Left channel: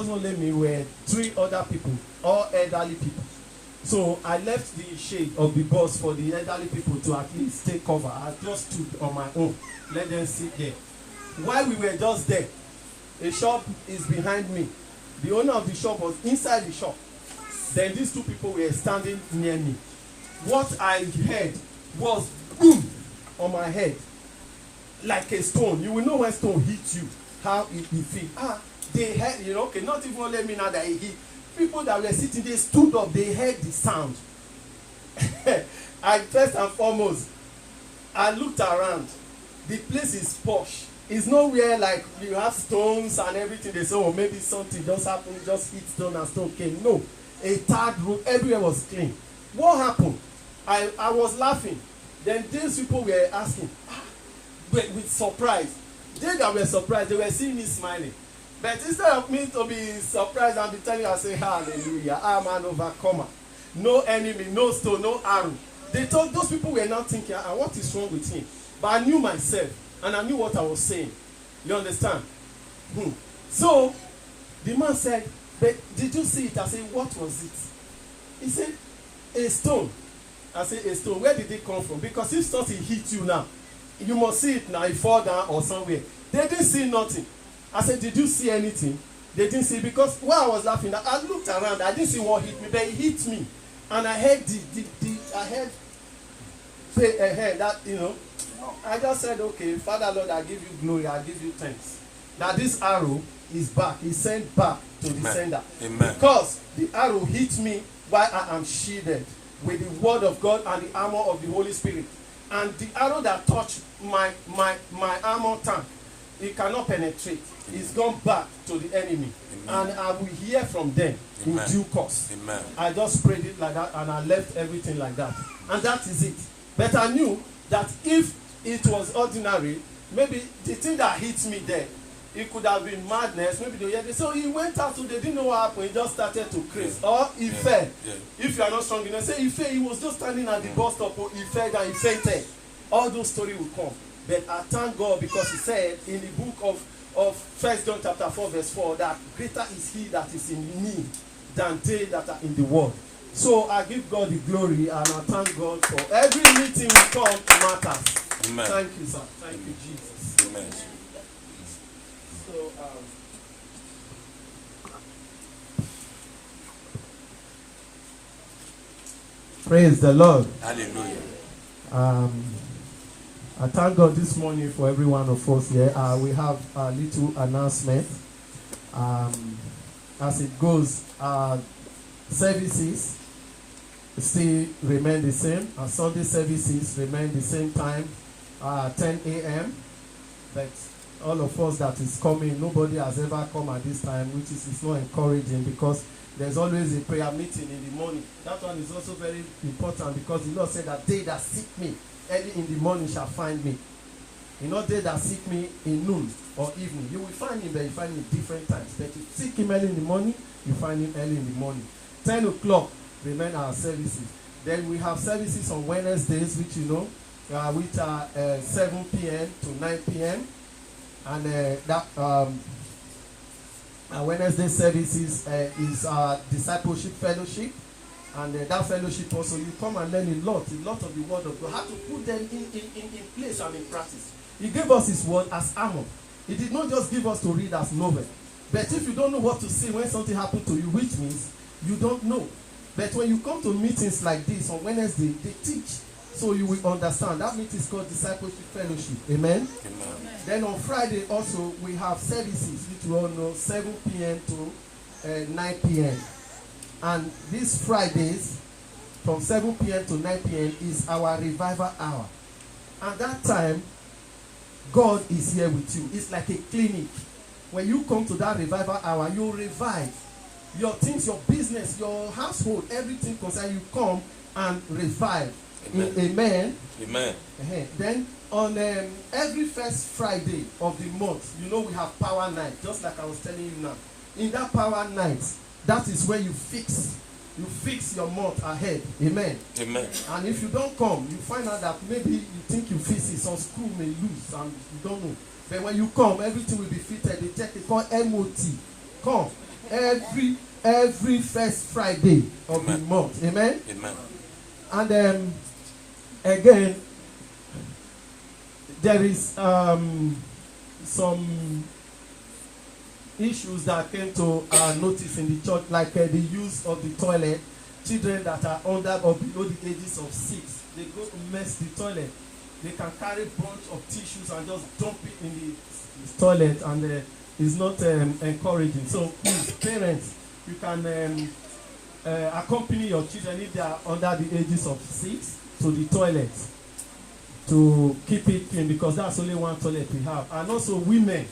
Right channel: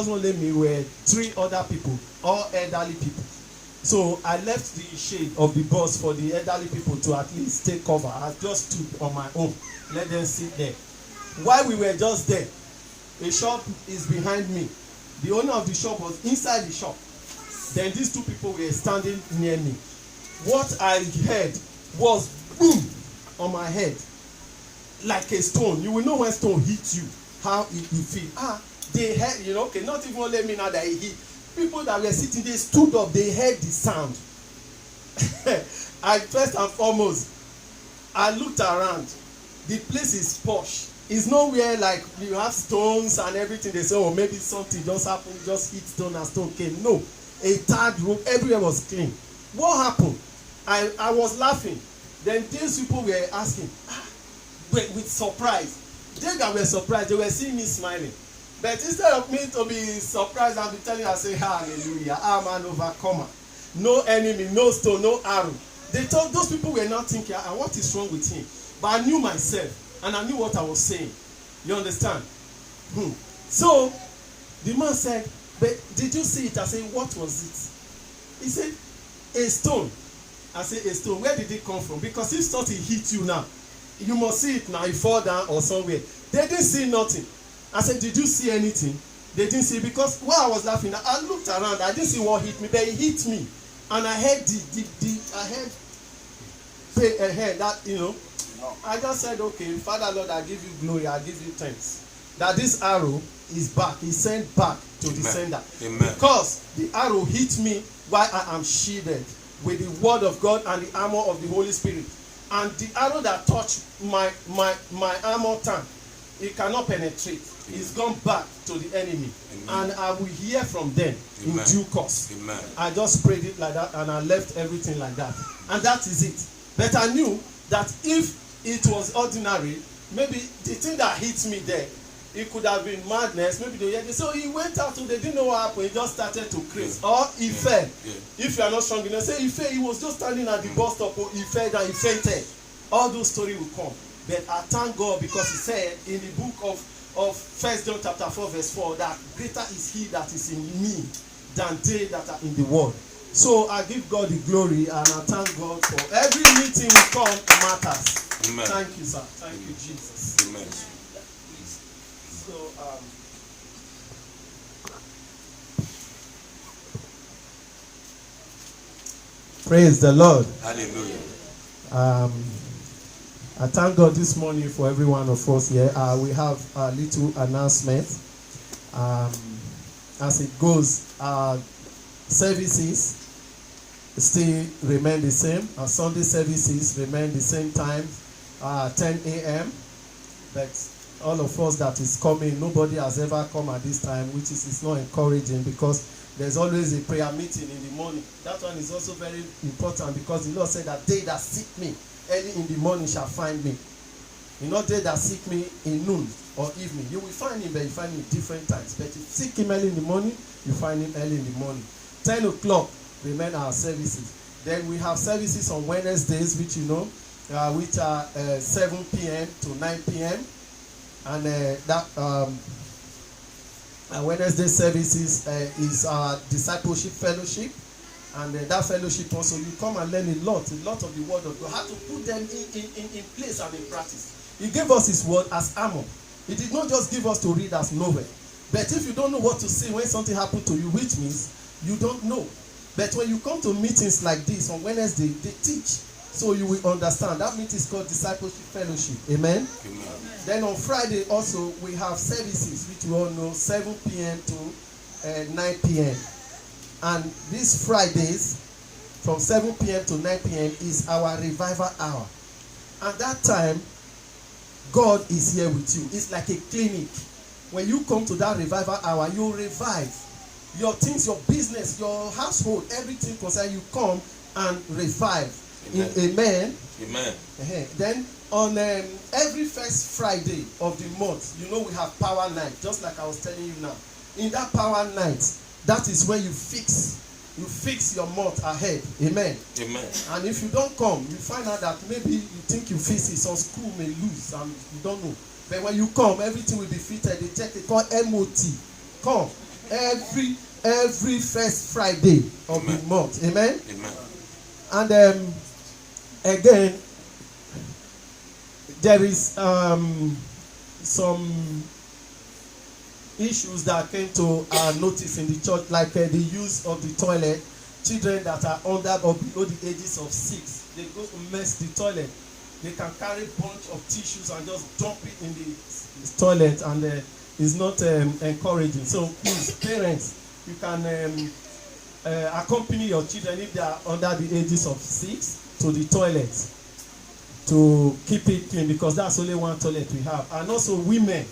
wasn't only me, were 3 other people, all elderly people. So I left the shade of the bus for the elderly people to at least take cover. I just stood on my own, let them sit there. While we were just there, a shop is behind me. The owner of the shop was inside the shop. Then these 2 people were standing near me. What I heard was boom on my head, like a stone. You will know when stone hits you, how it feels. They heard, okay, not even only me now that it hit. People that were sitting, they stood up, they heard the sound. First and foremost, I looked around. The place is posh. It's nowhere like you have stones and everything. They say, oh, maybe something just happened, just hit stone and stone came. No, a tarred road, everywhere was clean. What happened? I was laughing. Then these people were asking, with surprise. They that were surprised, they were seeing me smiling. But instead of me to be surprised and be telling her, say, hallelujah, I'm an overcomer. No enemy, no stone, no arrow. They thought those people were not thinking, what is wrong with him? But I knew myself, and I knew what I was saying. You understand? So, the man said, but did you see it? I said, what was it? He said, a stone. I said, a stone. Where did it come from? Because if something hit you now, you must see it now, it fall down or somewhere. They didn't see nothing. I said, did you see anything? They didn't see, because while I was laughing, I looked around, I didn't see what hit me, but it hit me. And I heard that, I just said, okay, Father Lord, I give you glory, I give you thanks. That this arrow is back, is sent back to the sender. Amen. Because the arrow hit me while I am shielded with the word of God and the armor of the Holy Spirit. And the arrow that touched my armor tank, it cannot penetrate. It's gone back to the enemy. Amen. And I will hear from them in due course. Amen. I just prayed it like that and I left everything like that. And that is it. But I knew that if it was ordinary, maybe the thing that hit me there, it could have been madness. Maybe they say, he went out, so they didn't know what happened. He just started to craze. Or he fell. If you are not strong enough, say he fell. He was just standing at the bus stop, or he fell and he fainted. All those stories will come. But I thank God, because he said in the book of 1 John chapter 4 verse 4 that greater is he that is in me than they that are in the world. So I give God the glory and I thank God for every meeting we come matters. Amen. Thank you, sir. Thank you, Jesus. Amen. So praise the Lord. Hallelujah. I thank God this morning for every one of us here. We have a little announcement. As it goes, services still remain the same. Sunday services remain the same time, 10 a.m. But all of us that is coming, nobody has ever come at this time, which is not encouraging, because there's always a prayer meeting in the morning. That one is also very important, because the Lord said that they that seek me early in the morning shall find me. Not they that seek me in noon or evening. You will find him, but you find him different times. But if you seek him early in the morning, you find him early in the morning. 10 o'clock remain our services. Then we have services on Wednesdays, which which are 7 p.m. to 9 p.m. And Wednesday services is our discipleship fellowship. And that fellowship also, you come and learn a lot of the word of God. How to put them in place and in practice. He gave us his word as armor. He did not just give us to read as novel. But if you don't know what to say when something happened to you, which means you don't know. But when you come to meetings like this on Wednesday, they teach, so you will understand. That meeting is called discipleship fellowship. Amen? Amen. Then on Friday also, we have services, which you all know, 7 p.m. to 9 p.m. And these Fridays, from 7 p.m. to 9 p.m. is our revival hour. At that time, God is here with you. It's like a clinic. When you come to that revival hour, you revive. Your things, your business, your household, everything concerned, you come and revive. Amen. Amen. Amen. Then on every first Friday of the month, we have power night, just like I was telling you now. In that power night, that is where you fix your month ahead. Amen. Amen. And if you don't come, you find out that maybe you think you fix it, some school may lose and you don't know. But when you come, everything will be fitted. They check it called MOT. Come. every first Friday of the month. Amen. Amen. And again, there is some issues that came to our notice in the church, like the use of the toilet. Children that are under or below the ages of 6, they go to mess the toilet. They can carry a bunch of tissues and just dump it in the toilet, and it's not encouraging. So please, parents, you can accompany your children if they are under the ages of 6 to the toilet to keep it clean, because that's only one toilet we have. And also women,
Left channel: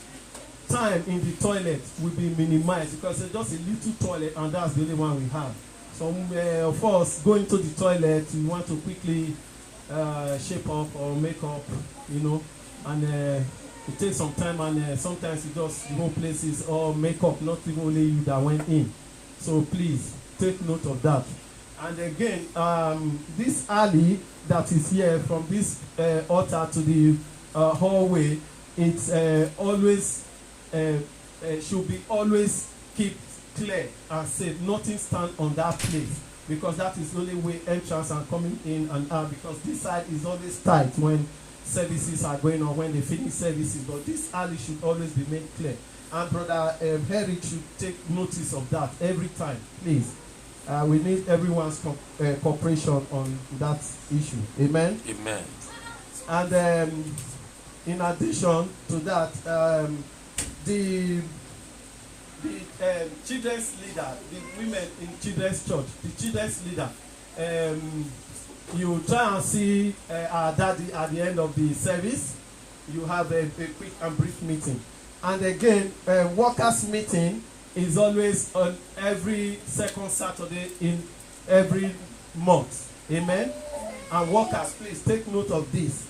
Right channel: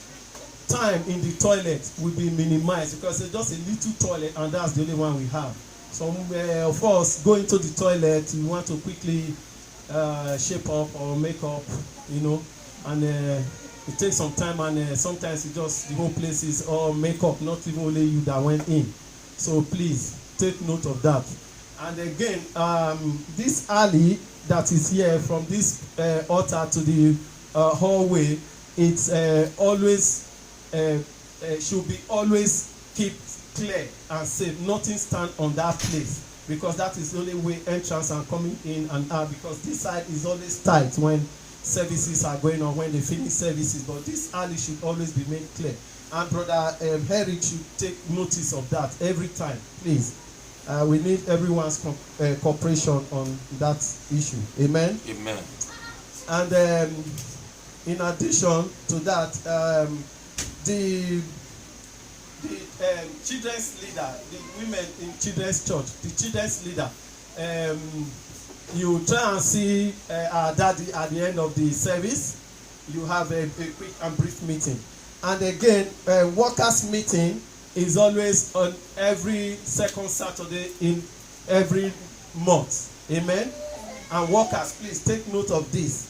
time in the toilet will be minimized because it's just a little toilet and that's the only one we have. Some of us go into the toilet, we want to quickly shape up or make up, and it takes some time, and sometimes it just, the whole place is all makeup, not even only you that went in. So please take note of that. And again, this alley that is here from this altar to the hallway, it's always should be always keep clear and safe. Nothing stand on that place, because that is the only way entrance and coming in and out, because this side is always tight when services are going on, when they finish services, but this alley should always be made clear. And Brother Eric should take notice of that every time, please. We need everyone's cooperation on that issue. Amen. Amen. And in addition to that, the children's leader, the women in children's church, the children's leader, you try and see our daddy at the end of the service. You have a quick and brief meeting. And again, workers meeting is always on every second Saturday in every month. Amen. And workers, please take note of this.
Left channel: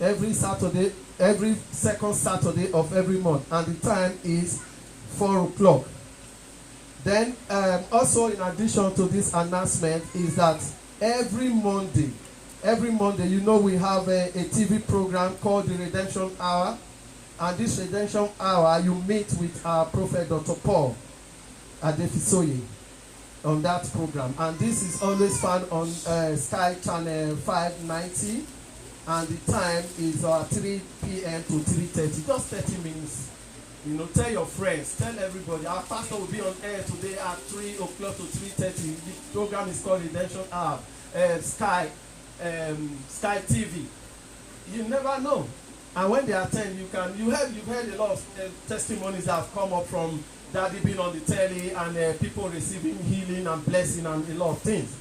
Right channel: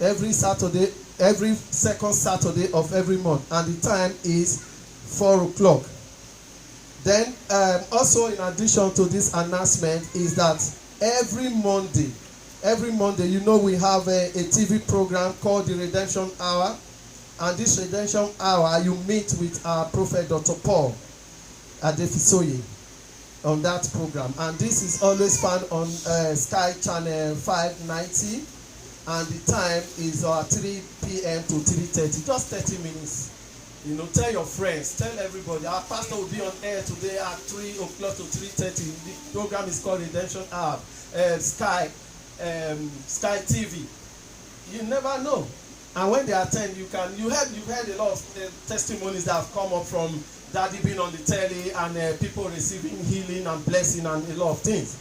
Every Saturday, every second Saturday of every month, and the time is 4 o'clock. Then also in addition to this announcement is that every Monday, we have a TV program called the Redemption Hour. And this Redemption Hour, you meet with our prophet Dr. Paul Adefisoye on that program. And this is always found on Sky Channel 590. And the time is 3 p.m. to 3:30, just 30 minutes. Tell your friends, tell everybody. Our pastor will be on air today at 3 o'clock to 3:30. The program is called Redemption Hour, Sky TV. You never know. And when they attend, you've heard a lot of testimonies that have come up from Daddy being on the telly and people receiving healing and blessing and a lot of things.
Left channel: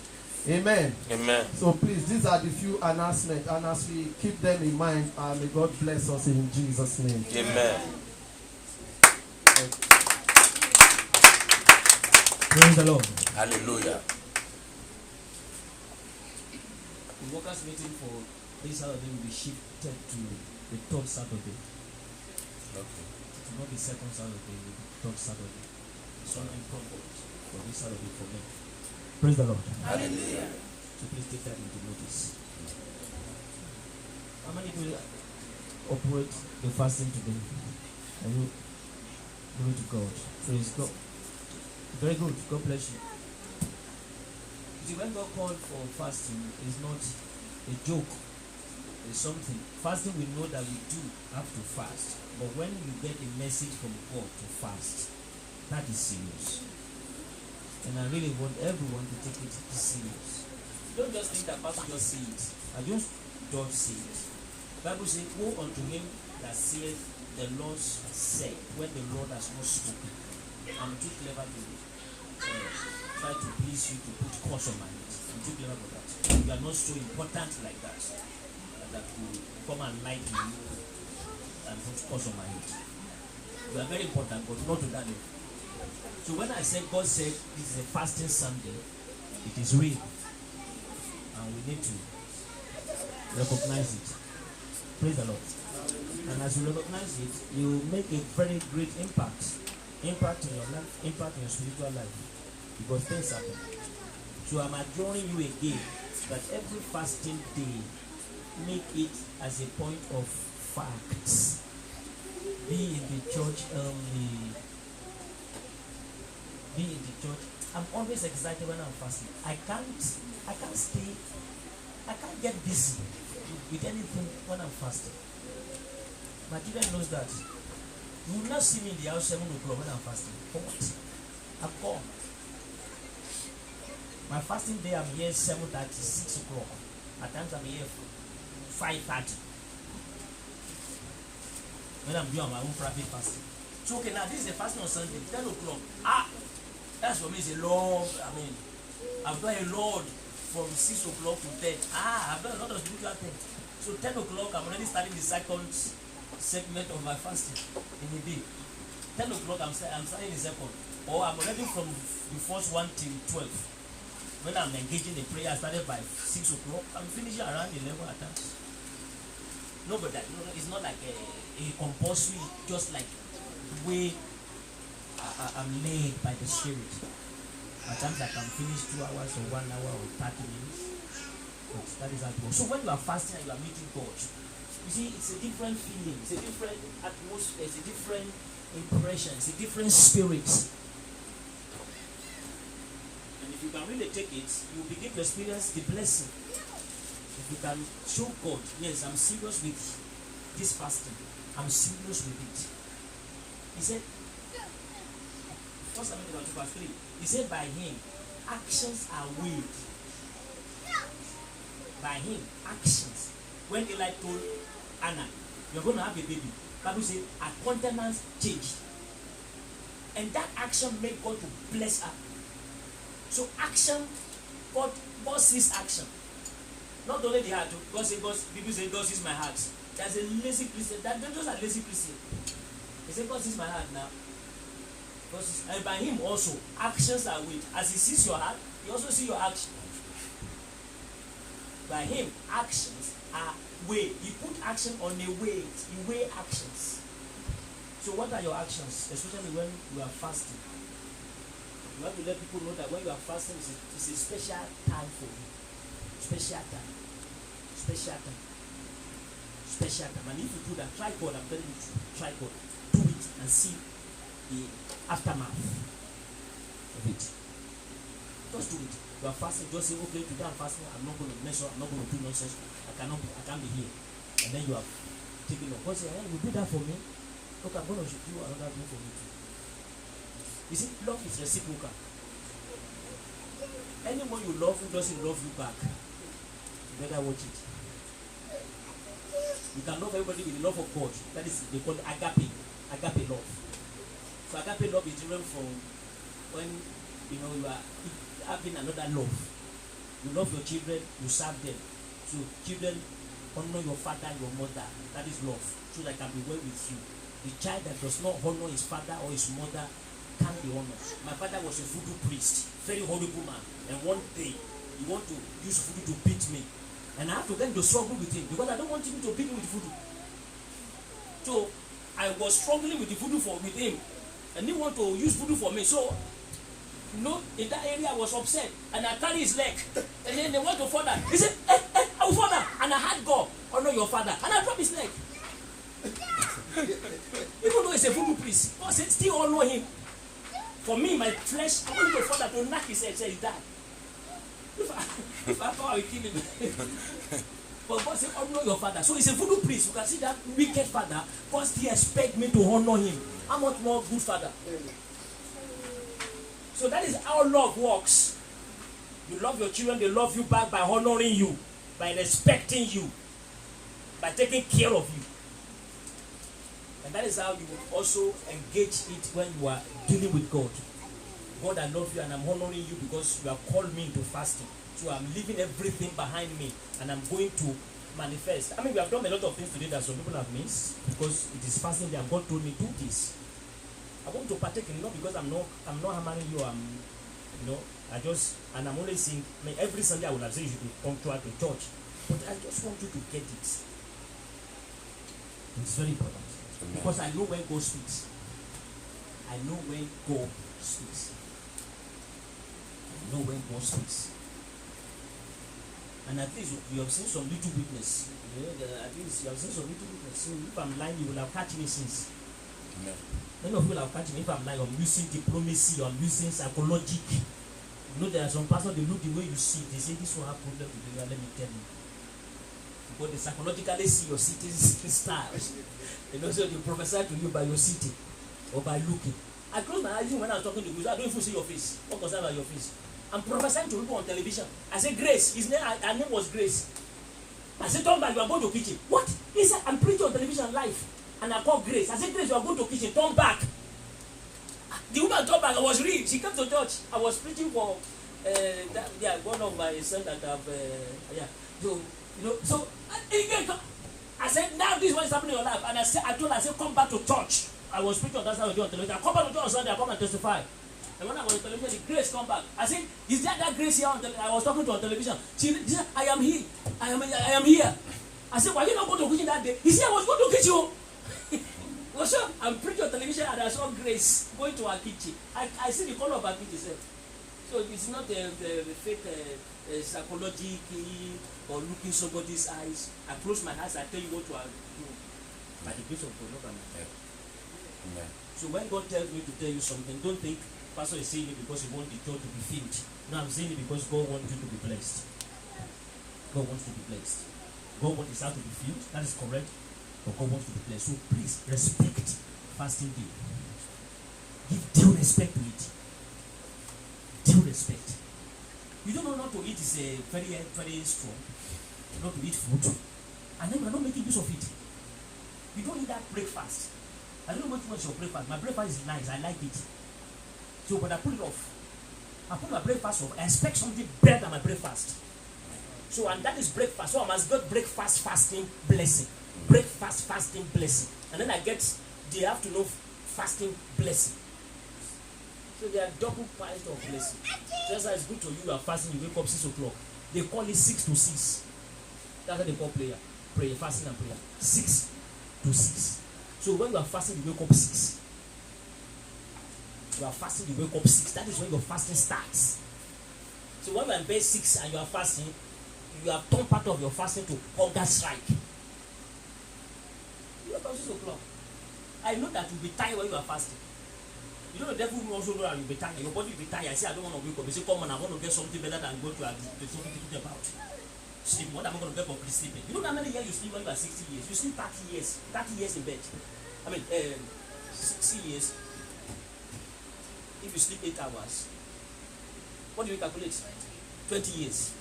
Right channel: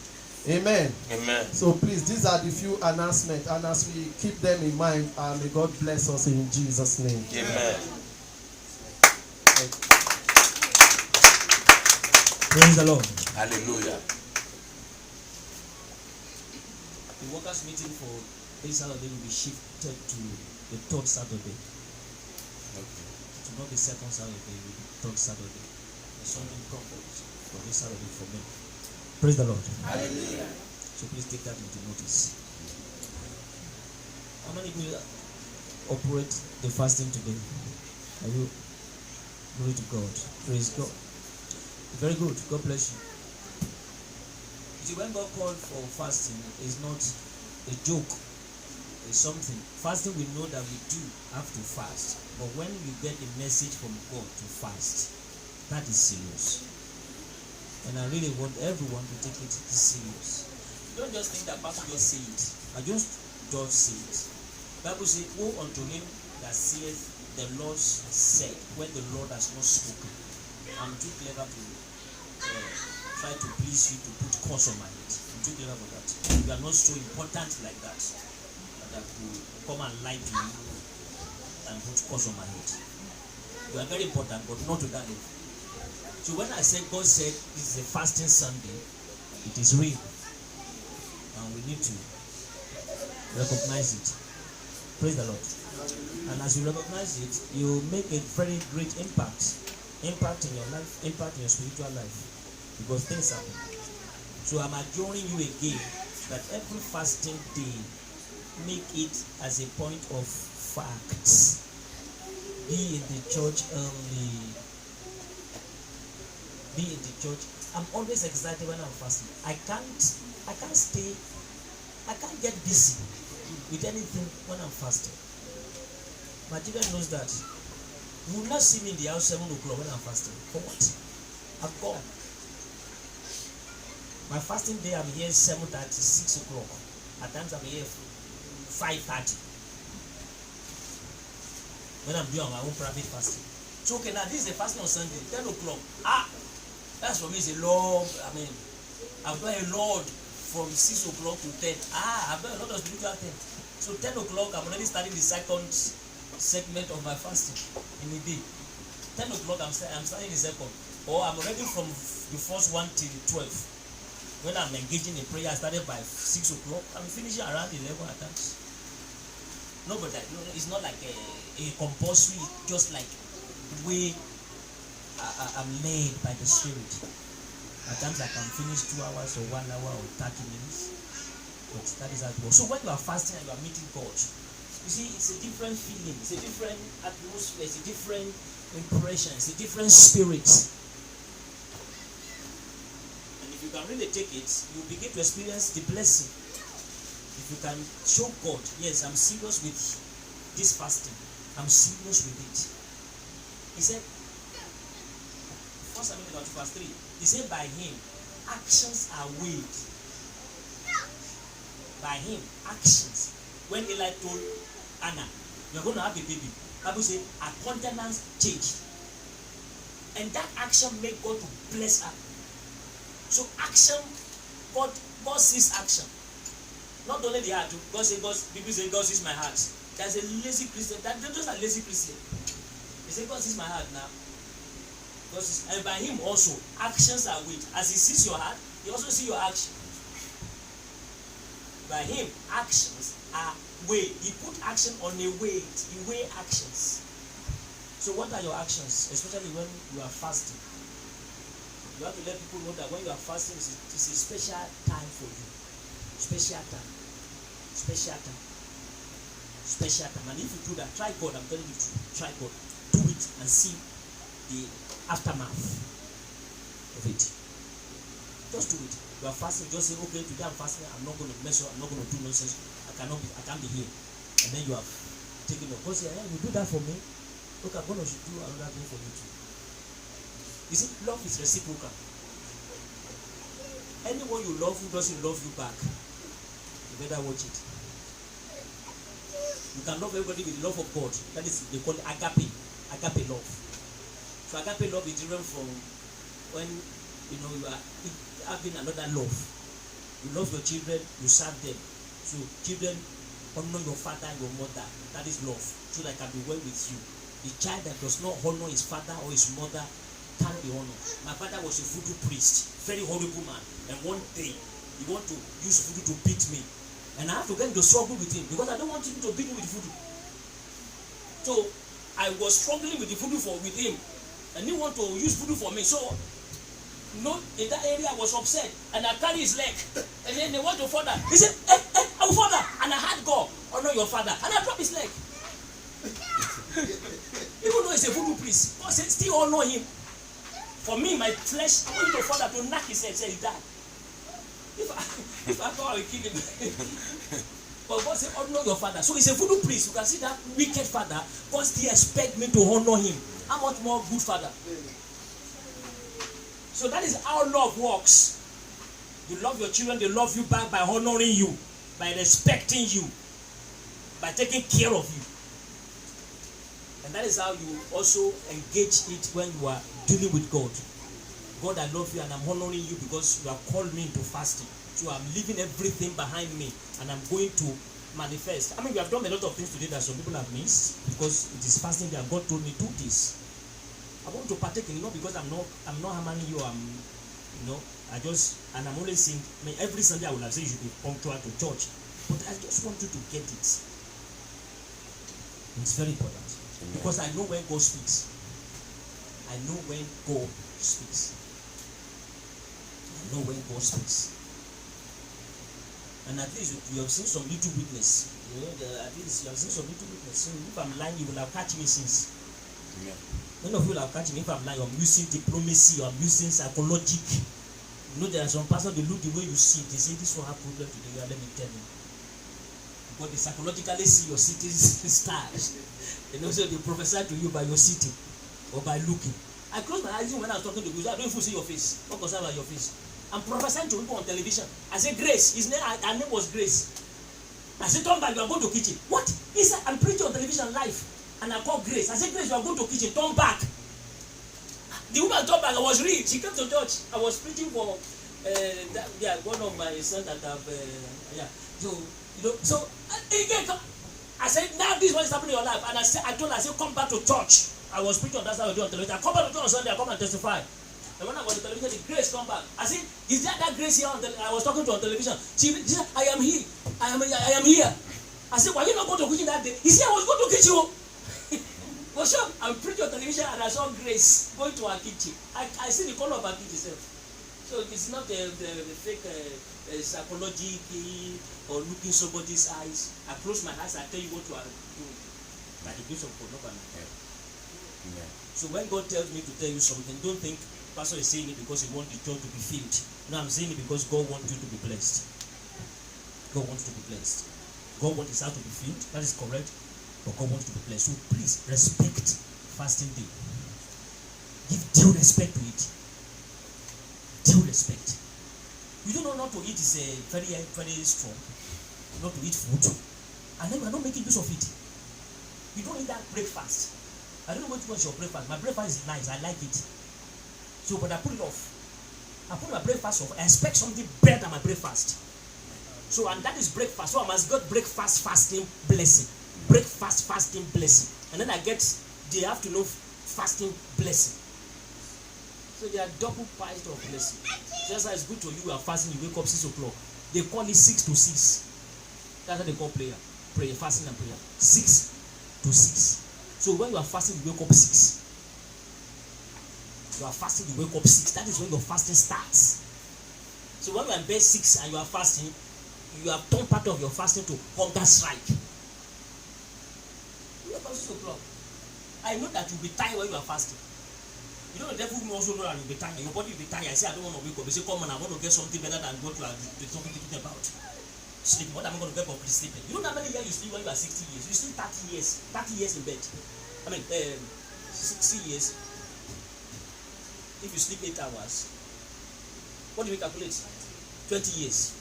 Amen. Amen. So please, these are the few announcements, and as we keep them in mind, may God bless us in Jesus' name. Amen. Praise the Lord. Hallelujah. The workers' meeting for this Saturday will be shifted to the third Saturday. Okay. It will not be second Saturday, it will be third Saturday. Something proposed for this Saturday for me. Praise the Lord. Hallelujah. So please take that into notice. How many people operate the fasting today? Are you? Glory to God. Praise God. Very good. God bless you. You see, when God called for fasting, it's not a joke. It's something. Fasting, we know that we do have to fast. But when you get a message from God to fast, that is serious. And I really want everyone to take it serious. Don't just think that Pastor just say it. I just don't say it. Bible says, "Woe unto him that saith, the Lord said," when the Lord has not spoken. I'm too clever to try to please you to put curse on my head. I'm too clever for that. You are not so important like that I could come and lie to you and put curse on my head. You are very important, but not to that level. So when I said, God said this is a fasting Sunday, it is real. And we need to recognize it. Praise the Lord. And as you recognize it, you make a very great impact. Impact in your life, impact in your spiritual life. Because things happen. So I'm adjuring you again that every fasting day, make it as a point of fact. Be in the church early. be in the church. I'm always excited when I'm fasting. I can't get busy with anything when I'm fasting. My children knows that. You will not see me in the house 7 o'clock when I'm fasting. For what? I'm gone. My fasting day, I'm here 7:30, 6 o'clock. At times I'm here 5:30. When I'm doing my own private fasting. So okay, now this is the fasting on Sunday, 10 o'clock. That's for me is a long, I've done a lot from 6 o'clock to 10. I've done a lot of spiritual things. So 10 o'clock, I'm already starting the second segment of my fasting in a day. 10 o'clock, I'm starting the second. Or I'm already from the first one till 12. When I'm engaging in prayer, I started by 6 o'clock. I'm finishing around 11 at times. No, but it's not like a compulsory, just like the way I'm led by the Spirit. At times I can finish 2 hours or 1 hour or 30 minutes. But that is how it works. So when you are fasting and you are meeting God, you see, it's a different feeling, it's a different atmosphere, it's a different impression, it's a different spirit. And if you can really take it, you begin to experience the blessing. If you can show God, yes, I'm serious with this fasting, I'm serious with it. He said, 1 Samuel 2 verse 3, he said, by him, actions are weighed. By him, actions. When Eli told Anna, you're going to have a baby, Bible says, her countenance changed. And that action made God to bless her. So action, God sees action. Not only the heart, God says, people say God sees my heart. There's a lazy Christian, those are lazy Christian. They say God sees my heart now. And by him also, actions are weighed. As he sees your heart, he also sees your action. By him, actions are weighed. He put action on a weight. He weigh actions. So what are your actions? Especially when you are fasting. You have to let people know that when you are fasting, it's a special time for you. Special time. Special time. Special time. And if you do that, try God. I'm telling you, try God. Do it and see the aftermath of it. Just do it. You are fasting, just say, okay, today I'm fasting, I'm not going to mess up, I'm not going to do nonsense, I can't be here. And then you have taken it. God say, hey, you do that for me? Look, I'm going to do another thing for you too. You see, love is reciprocal. Anyone you love who doesn't love you back, you better watch it. You can love everybody with the love of God. That is, they call it agape love. So agape love is different from when you are having another love. You love your children, you serve them. So children honor your father and your mother. That is love. So that can be well with you. The child that does not honor his father or his mother can't be honored. My father was a voodoo priest, very horrible man. And one day he wanted to use voodoo to beat me. And I have to get into struggle with him because I don't want him to beat me with voodoo. So I was struggling with the voodoo with him. And he wanted to use voodoo for me. So in that area I was upset and I carried his leg and then they went to father. He said, hey, our father, and I had God honor your father and I dropped his leg. Even though he's a voodoo priest, God said still honor him. For me, my flesh, I want the father to knock his head, say he died. If I thought I would kill him. But God said honor your father. So he's a voodoo priest. You can see that wicked father. God still expect me to honor him. How much more good father? So that is how love works. You love your children, they love you back by honoring you, by respecting you, by taking care of you. And that is how you also engage it when you are dealing with God. God, I love you and I'm honoring you because you have called me into fasting. So I'm leaving everything behind me and I'm going to manifest. I mean, we have done a lot of things today that some people have missed because it is fasting day and God told me do this. I want to partake in it, not because I'm not hammering you. I'm only saying, every Sunday I will have said you should be punctual to church, but I just want you to get it. It's very important because I know when God speaks. I know when God speaks. I know when God speaks. And at least you have seen some little witness. At least you have seen some little witness. So if I'm lying, you will have catch me since. Amen. Many of you will have catch me if I'm lying. I'm using diplomacy, I'm using psychology. You know, there are some pastors, they look the way you see, they say this will have problem today, let me tell you. But they psychologically see your sitting stars. And also they prophesy to you by your sitting or by looking. I close my eyes when I was talking to you, I don't even see your face. What concern about your face? I'm prophesying to people on television. I said, Grace, her name was Grace. I said, turn back, you are going to kitchen. What? He said, I'm preaching on television live. And I called Grace. I said, Grace, you are going to kitchen, turn back. The woman turned back, I was reading. She came to church. I was preaching for one of my sons that have, So, you know, so I said, now this is what is happening in your life. And I told her, I said, come back to church. I was preaching on that side of the television. I come back to church on Sunday, I come and testify. And when I was on television, the Grace come back. I said, is that Grace here I was talking to on television? She said, I am here. I am here. I said, why you not going to kitchen that day? He said, I was going to kitchen. Well, sure, I'm preaching on television and I saw Grace going to her kitchen. I see the color of her kitchen. So it's not the fake psychology or looking somebody's eyes. I close my eyes, I tell you what to do. By the grace of God, look at me. Yeah. So when God tells me to tell you something, don't think Pastor is saying it because he wants the church to be filled. No, I'm saying it because God wants you to be blessed. God wants to be blessed. God wants his heart to be filled. That is correct. But God wants to be blessed. So please respect fasting day. Give due respect to it. Due respect. You don't know not to eat is very, very strong. Not to eat food. And then you are not making use of it. You don't eat that breakfast. I don't know what was your breakfast. My breakfast is nice. I like it. So, but I put it off. I put my breakfast off. I expect something better than my breakfast. So, and that is breakfast. So I must get breakfast fasting blessing. Breakfast fasting blessing. And then I get the afternoon fasting blessing. So they are double piles of blessing. Just as it's good to you are fasting, you wake up 6 o'clock. They call it 6 to 6. That's what they call prayer. Prayer, fasting and prayer. 6 to 6. So when you are fasting, you wake up 6. You are fasting, you wake up 6. That is when your fasting starts. So when you are in bed 6 and you are fasting, you have turned part of your fasting to hunger strike. You wake up 6 o'clock. I know that you'll be tired when you are fasting. You know the devil will also know that you'll be tired. Your body will be tired. I say, I don't want to wake up. You say, come on, I want to get something better than go to something to think about. Sleep. What am I going to get for sleeping? You know how many years you sleep when you are 60 years? You sleep 30 years. 30 years in bed. I mean, 60 years. If you sleep 8 hours, what do we calculate? 20 years.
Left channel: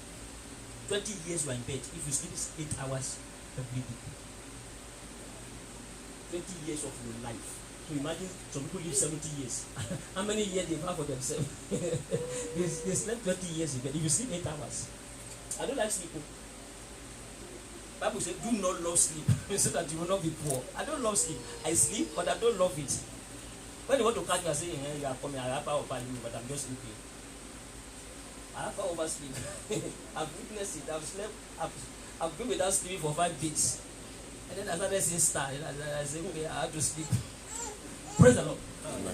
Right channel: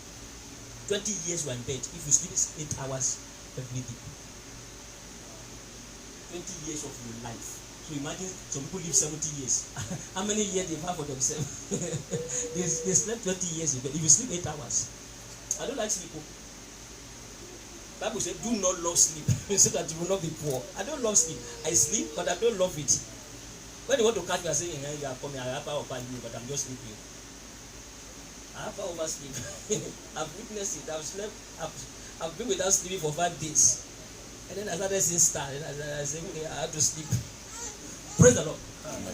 20 years you are in bed. If you sleep 8 hours every day. 20 years of your life. So imagine some people live 70 years. How many years they have for themselves? they slept 20 years in bed. If you sleep 8 hours. I don't like sleep. Bible says, do not love sleep so that you will not be poor. I don't love sleep. I sleep, but I don't love it. When you want to catch me, I say, you are coming, I have power over you, but I'm just sleeping. I have power over sleep. I've witnessed it. I've been without sleeping for 5 days. And then I started seeing stars. I said, okay, I have to sleep. Praise the Lord.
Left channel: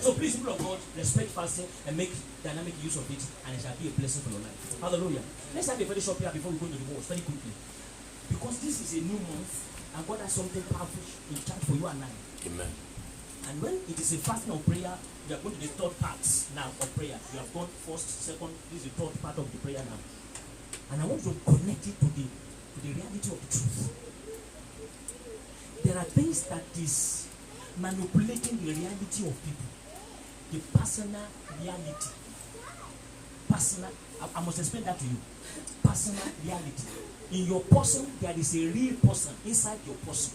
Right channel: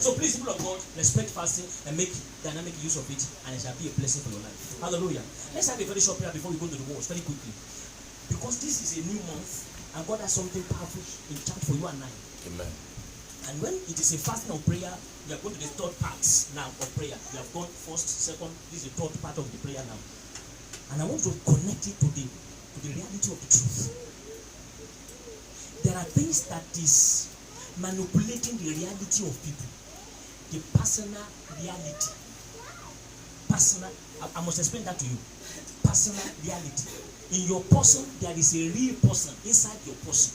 So please, people of God, respect fasting and make dynamic use of it, and it shall be a blessing for your life. Hallelujah. Let's have a very short prayer before we go to the words very quickly. Because this is a new month, and God has something powerful in charge for you and I. Amen. And when it is a fasting of prayer, we are going to the third part now of prayer. We have gone first, second, this is the third part of the prayer now. And I want to connect it to the reality of the truth. There are things that is manipulating the reality of people. The personal reality. Personal, I must explain that to you. Personal reality. In your person, there is a real person inside your person.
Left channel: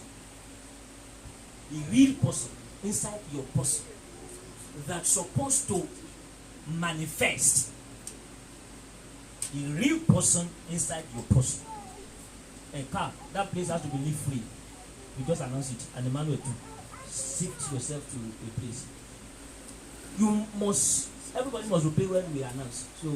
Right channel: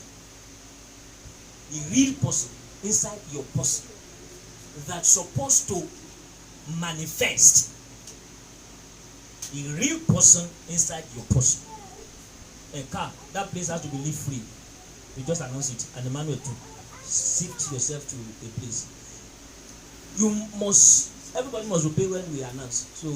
A real person inside your person that's supposed to manifest. A real person inside your person. A car, that place has to be live free. You just announce it, and the manual too. Shift yourself to a place. Everybody must obey when we announce. So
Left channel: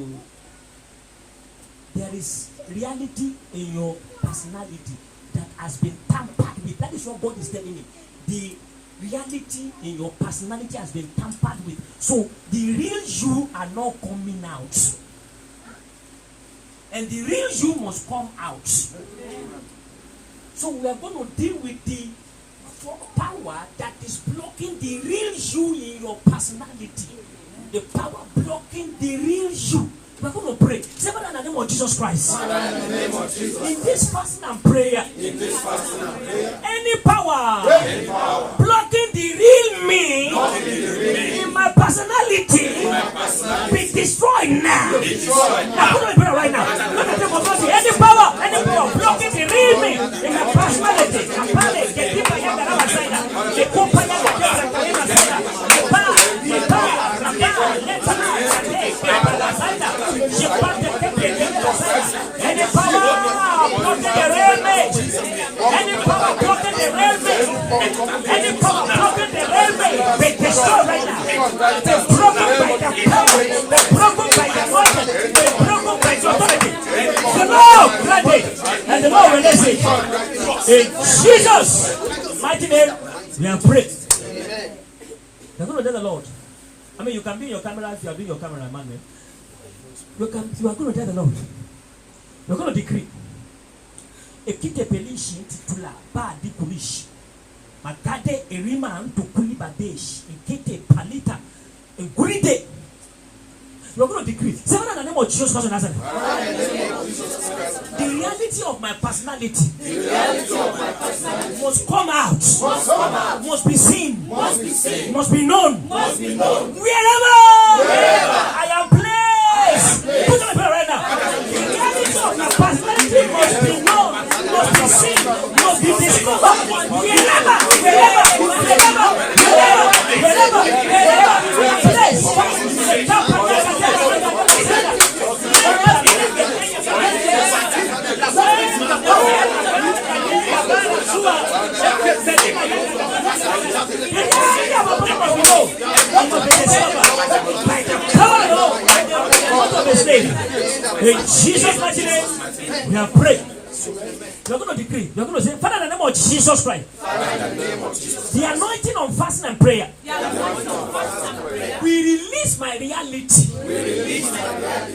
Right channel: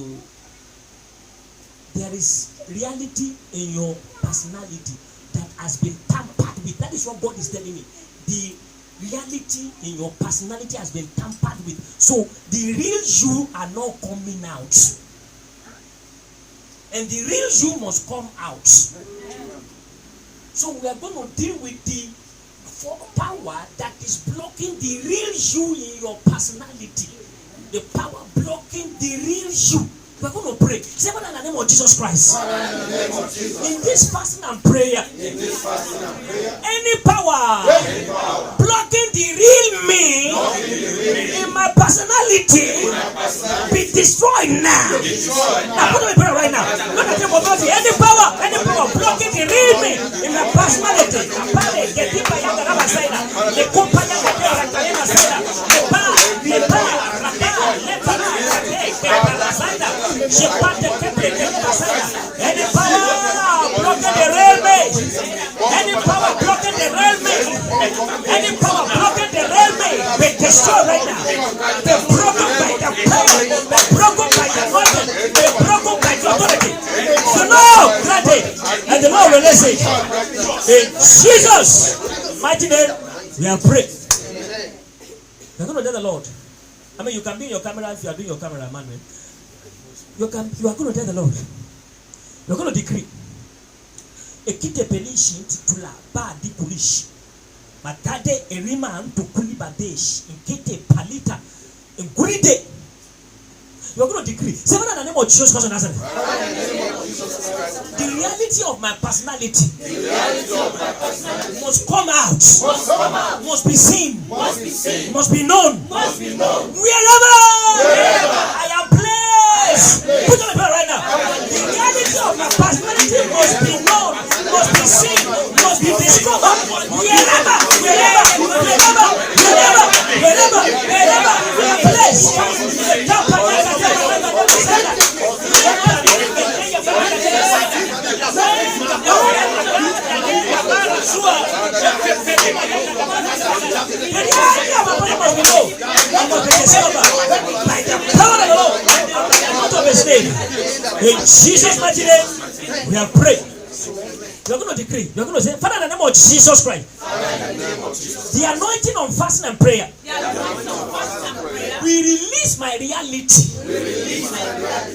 there is reality in your personality that has been tampered with. That is what God is telling me. The reality in your personality has been tampered with. So the real you are not coming out. And the real you must come out. So we are going to deal with the for power that is blocking the real you in your personality. The power blocking the real you. We are going to pray. Say, Father, in the name of Jesus Christ. In this fasting and prayer, any power blocking the real me in my personality be destroyed now. Now, put me prayer right now. Look at your body. Any power blocking the real me in my personality. Any power blocking the railway, any power blocking the railway, any power blocking the railway, be destroyed right now. Be broken by the power, be broken by the water, be broken by the authority. So now, granted, and the Lord release it. In Jesus' mighty name, we are praying. We're going to tell the Lord. I mean, you can be in your camera if you are doing your camera, man. You are going to tell the Lord. You are going to decree. Ekite pelishi titula ba di kulishi. Matade erima antu kulibadesh. Ekite palita. Enguride. You are going to decree. Say, Father, in the name of Jesus Christ of Nazareth. The reality of my personality must come out. Must be seen. Must be known. Wherever I am placed. Put on the prayer right now. The reality of your personality must be known. Must be seen. Must be discovered. Wherever we are placed. In Jesus' mighty name, we have prayed. We are going to decree. We are going to say, Father, in the name of Jesus Christ, the anointing on fasting and prayer, we release my reality.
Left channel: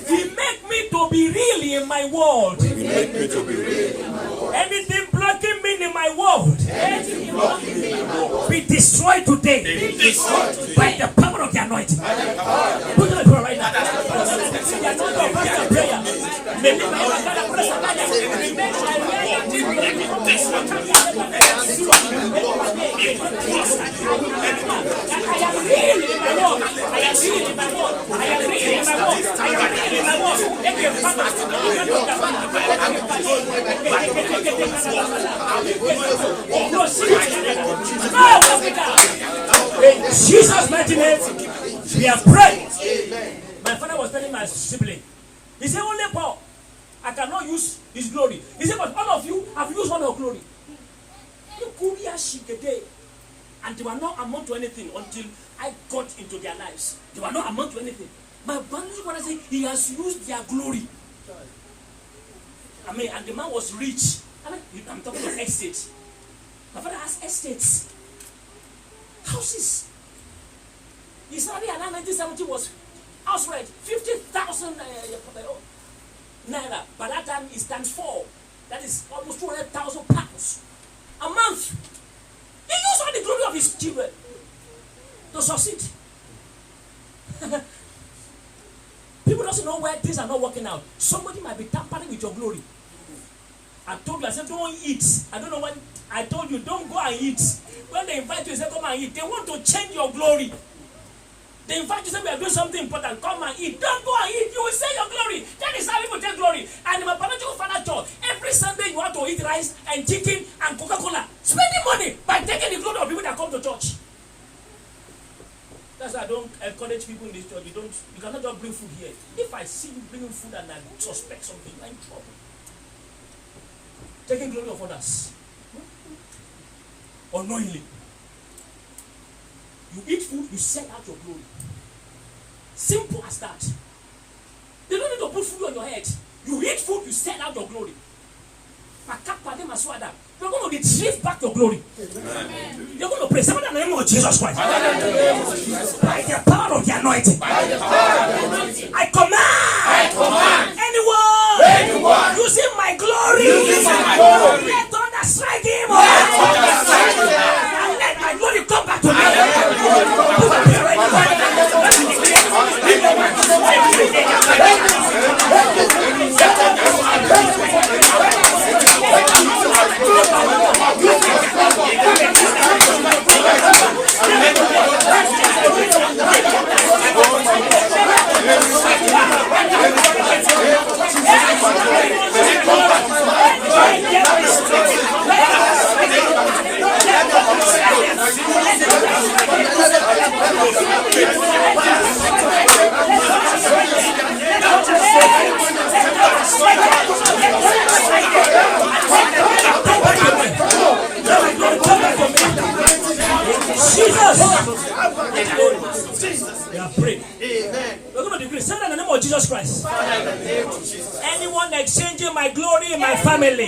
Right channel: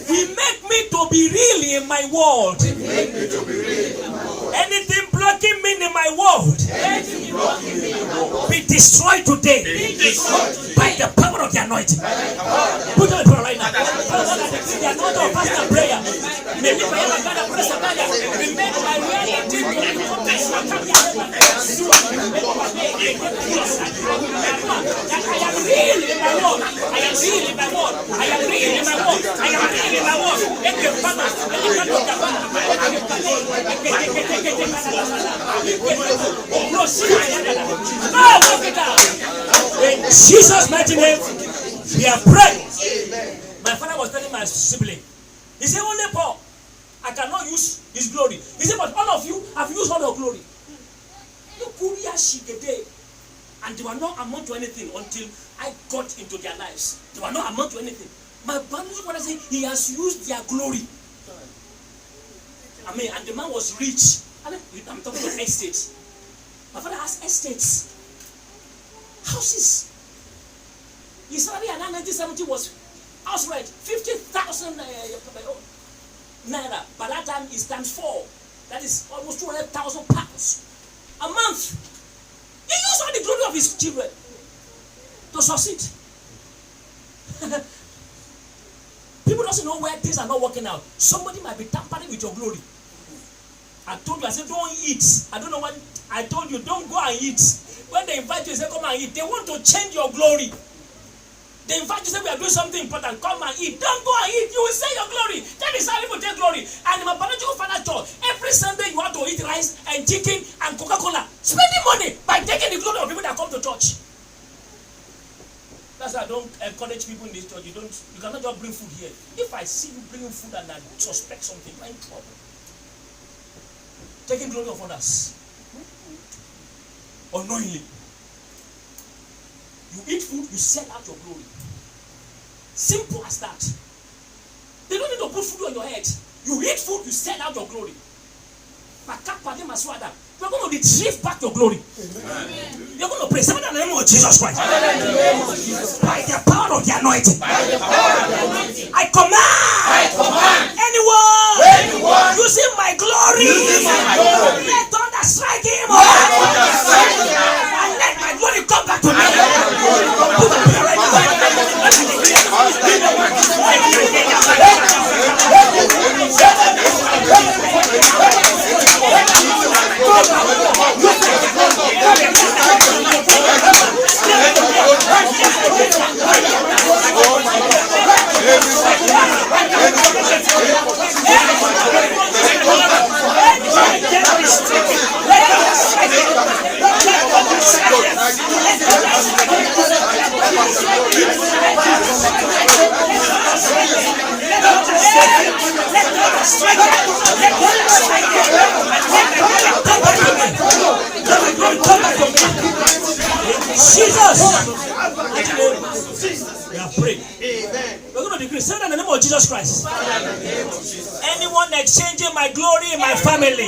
We make me to be real in my world. Anything blocking me in my world, be destroyed today by the power of the anointing. Put on the prayer right now. The anointing of fasting and prayer. In Jesus' mighty name, we are praying. My father was telling my sibling, he said, only Paul, I cannot use his glory. He said, but all of you have used all your glory. And they were not amount to anything until I got into their lives. They were not amount to anything. My brother said, he has used their glory. I mean, and the man was rich. I'm talking of estates. My father has estates. Houses. His salary in 1970 was house rent 50,000 naira. By that time, it's times 4. That is almost 200,000 pounds a month. He used all the glory of his children to succeed. People don't know where things are not working out. Somebody might be tampering with your glory. I told you, I said, don't eat. I don't know what I told you, don't go and eat. When they invite you, they say, come and eat. They want to change your glory. They invite you, say, we are doing something important. Come and eat. Don't go and eat. You will say your glory. That is how people take glory. And in my biological father church, every Sunday you have to eat rice and chicken and Coca-Cola. Spending money by taking the glory of people that come to church. That's why I don't encourage people in this church. You cannot just bring food here. If I see you bringing food and I suspect something, you're in trouble. Taking glory of others. Unknowingly. You eat food, you sell out your glory. Simple as that. They don't need to put food on your head. You eat food, you sell out your glory. You're going to retrieve back your glory. Amen. You're going to pray. Somebody in the name of Jesus Christ. By the power of the anointing. I command anyone using my glory. Let thunder strike him. strike them. Let them strike them. Let my glory come back to me. Jesus. We are praying. We're going to decree. Say that in the name of Jesus Christ. Anyone exchanging my glory in my family,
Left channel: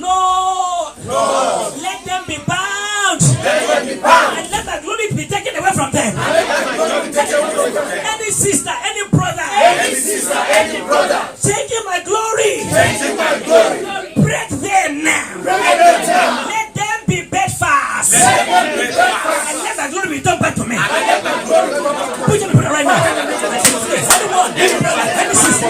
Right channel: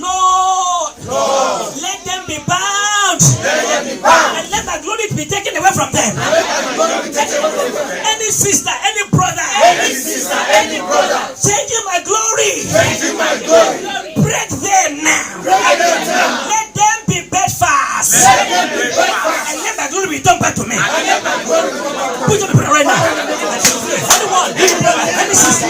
Lord, let them be bound, and let my glory be taken away from them. Any sister, any brother, changing my glory, break them now. Let them be bedfast, and let my glory return back to me. Put on the prayer right now. Anyone, any brother, any sister,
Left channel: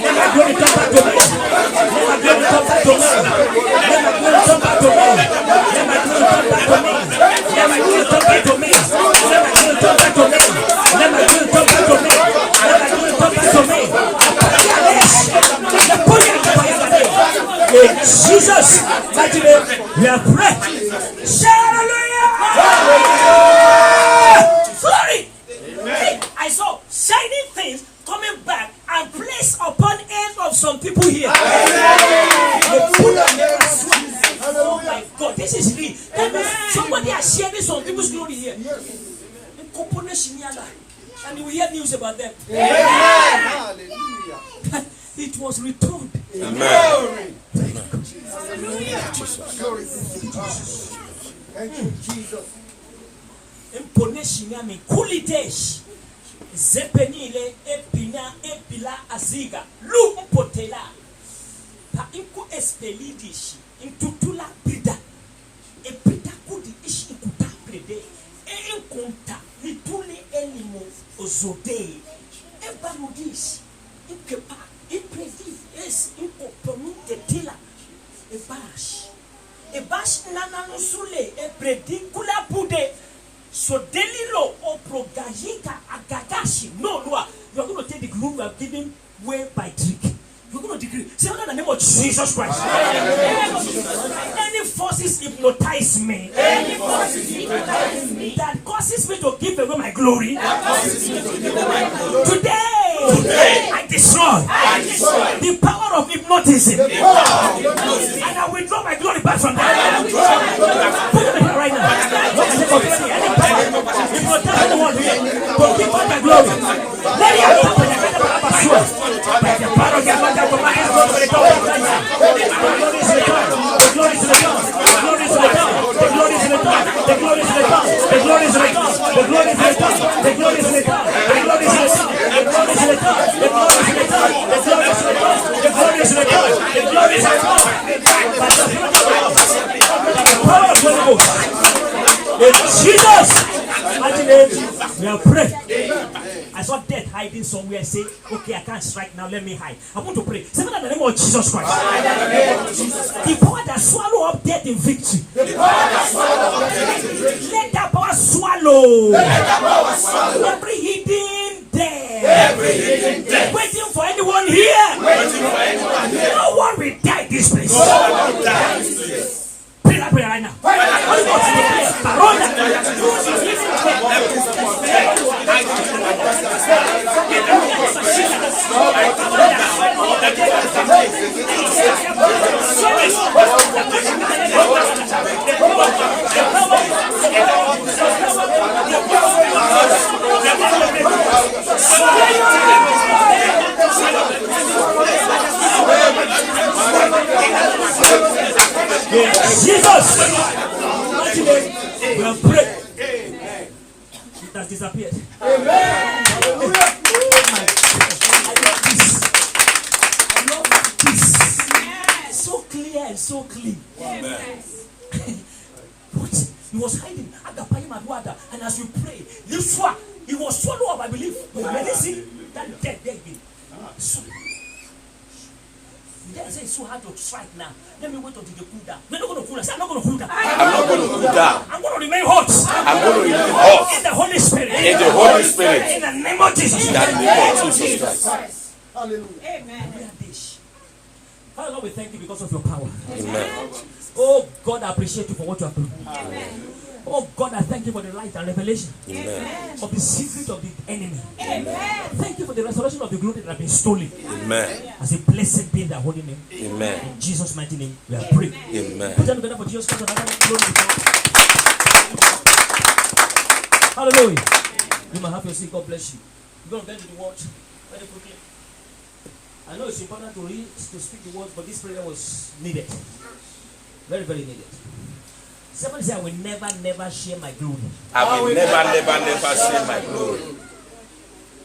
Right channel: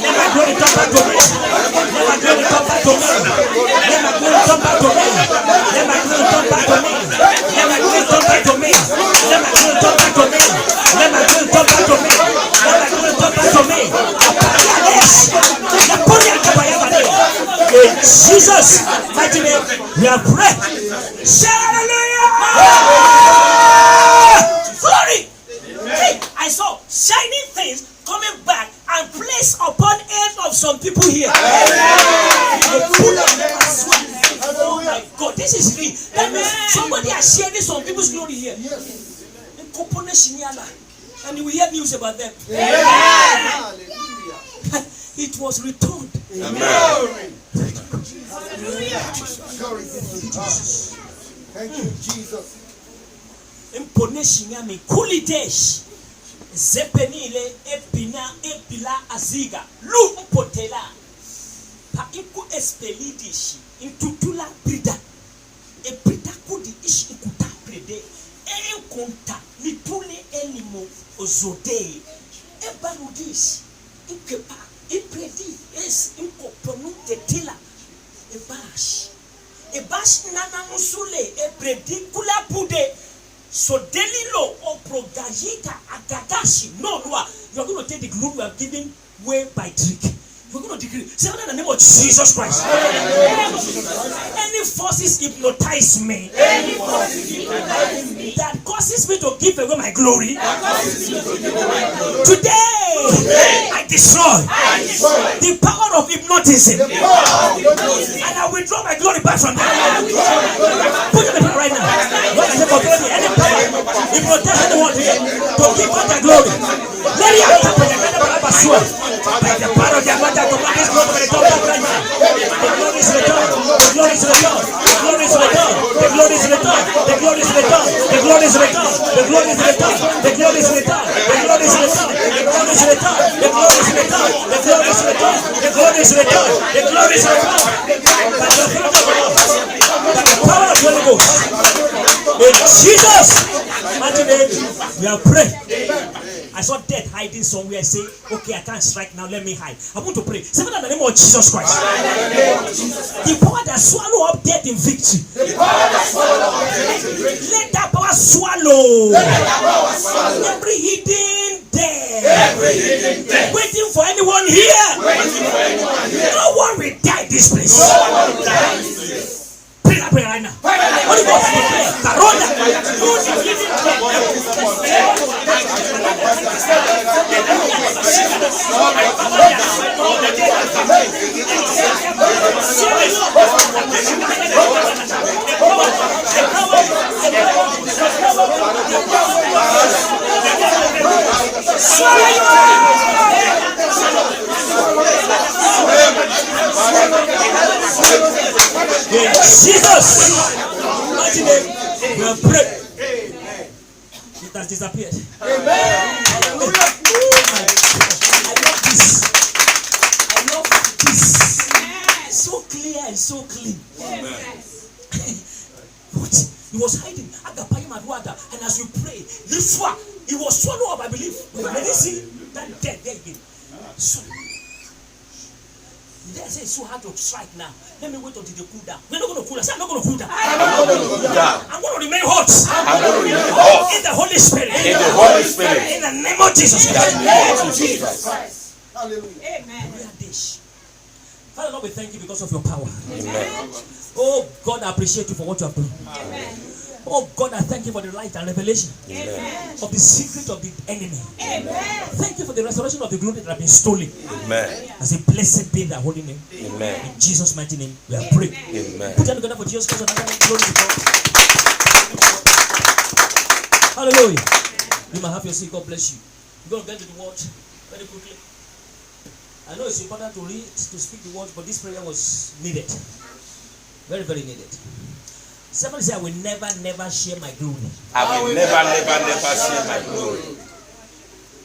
let my glory come back to me. Let my glory come back to me. Let my glory come back to me. Let my glory come back to me. Let my glory come back to me. Let my glory come back to me. Let my glory come back to me. Let my glory come back to me. In Jesus' mighty name, we are praying. Hallelujah! Glory! Hey, I saw shining things coming back and placed upon head of some people here. Oh my God, this is real. That means somebody has shared some people's glory here. And you will hear news about them. It was returned. Amen. Thank you, Jesus. Imponation yami kulidesh zepenile epila aziga lu mpotela pa iku espelidish intutula brida e brida kudi ish ikuta brede e konta litule elimo ozode e barudish ikepa ipredi es iko ponu tetila e bash nana musule e bredi kula pude. So delilo or progajika agagashi no noa. You are going to take the gloom we are giving way by trick. We're going to decree. Say that in the name of Jesus Christ. Any forces hypnotize me. Any forces hypnotize me. That causes me to give away my glory. Today, I destroy the power of hypnotism. And I withdraw my glory back from them. Put it in the right now. What is it for glory? Any power hypnotize anyone here to give up their glory. Let it happen. The power of your the glory is returned. The glory is returned. The glory is returned. The glory is returned. The glory is returned. The glory is returned. The glory is returned. The glory is returned. The glory is returned. The glory is returned. The glory is returned. The glory is returned. The glory is returned. The glory is returned. By the power of the Holy Ghost. In Jesus' mighty name, we are praying. I saw death hiding somewhere. Say, okay, I can't strike now. Let me hide. I want to pray. Say that in the name of Jesus Christ. The power that swallow up death in victory. Let that power swallow every hidden death. Waiting for anyone here. No one will die this place. Pray that prayer right now. Holy Ghost, declare, Baroda, through the hidden Jesus, mighty name, we have prayed. It has disappeared. Amen. I love this. I love this. So clear and so clean. What? He was hiding. And as you pray, this one, he was swallowed up, I believe. Let me see that death there again. So, they say it's so hard to strike now. Let me wait until they cool down. We're not going to cool down. I'm not going to cool down. I'm not going to cool down. I'm going to remain hot. I'm going to remain hot. In the Holy Spirit. In the Holy Spirit. In the name of Jesus. In the name of Jesus Christ. Hallelujah. Amen. We are dish. Father Lord, we thank you because of your power. Amen. Oh God, I appreciate you for what you have done. Amen. Oh God, I thank you for the light and revelation Amen. of the secret of the enemy. Amen. Thank you for the restoration of the glory that have been stolen. Amen. As a blessed be thy holy name. Amen. In Jesus' mighty name, we are praying. Amen. Put them together for Jesus Christ. Glory to God. Hallelujah. You might have your seat. God bless you. We're going to get to the word very quickly. I know it's important to read, to speak the word, but this prayer was needed. Very, very needed. Somebody say, I will never, never share my glory. I will never share my glory.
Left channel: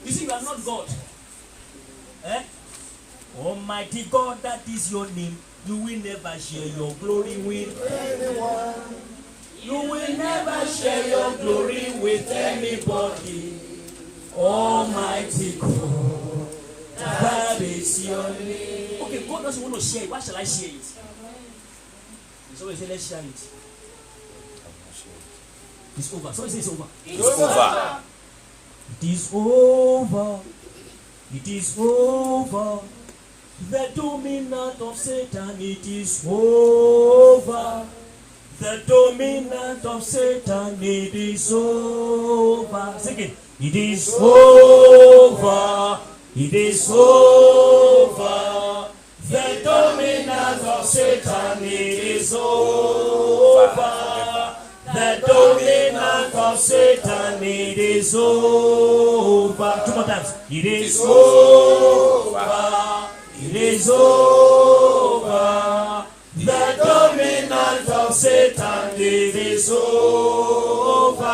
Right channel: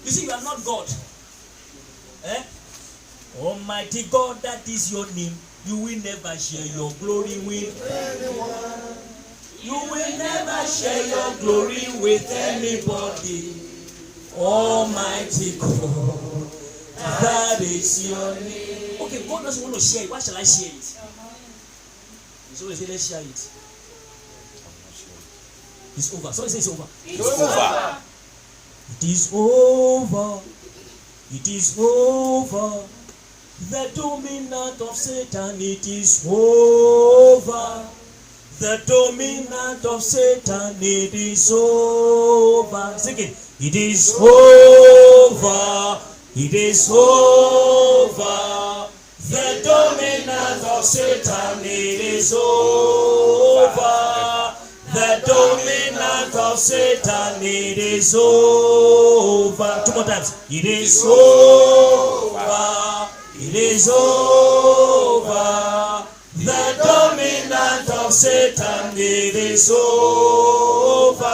You see, you are not God. Eh? Almighty God, that is your name. You will never share your glory with anyone. You will never share your glory with anybody. Almighty God, that is your name. Okay, God doesn't want to share it. Why shall I share it? So we say, let's share it. It's over. So say it's over. It's over. It is over. It is over. The dominant of Satan, it is over. The dominant of Satan, it is over. Sing it. It is over. It is over. The dominant of Satan, it is over. The dominant of Satan, it is over. Two more times. It is over. It is over. The dominant of Satan, it is over.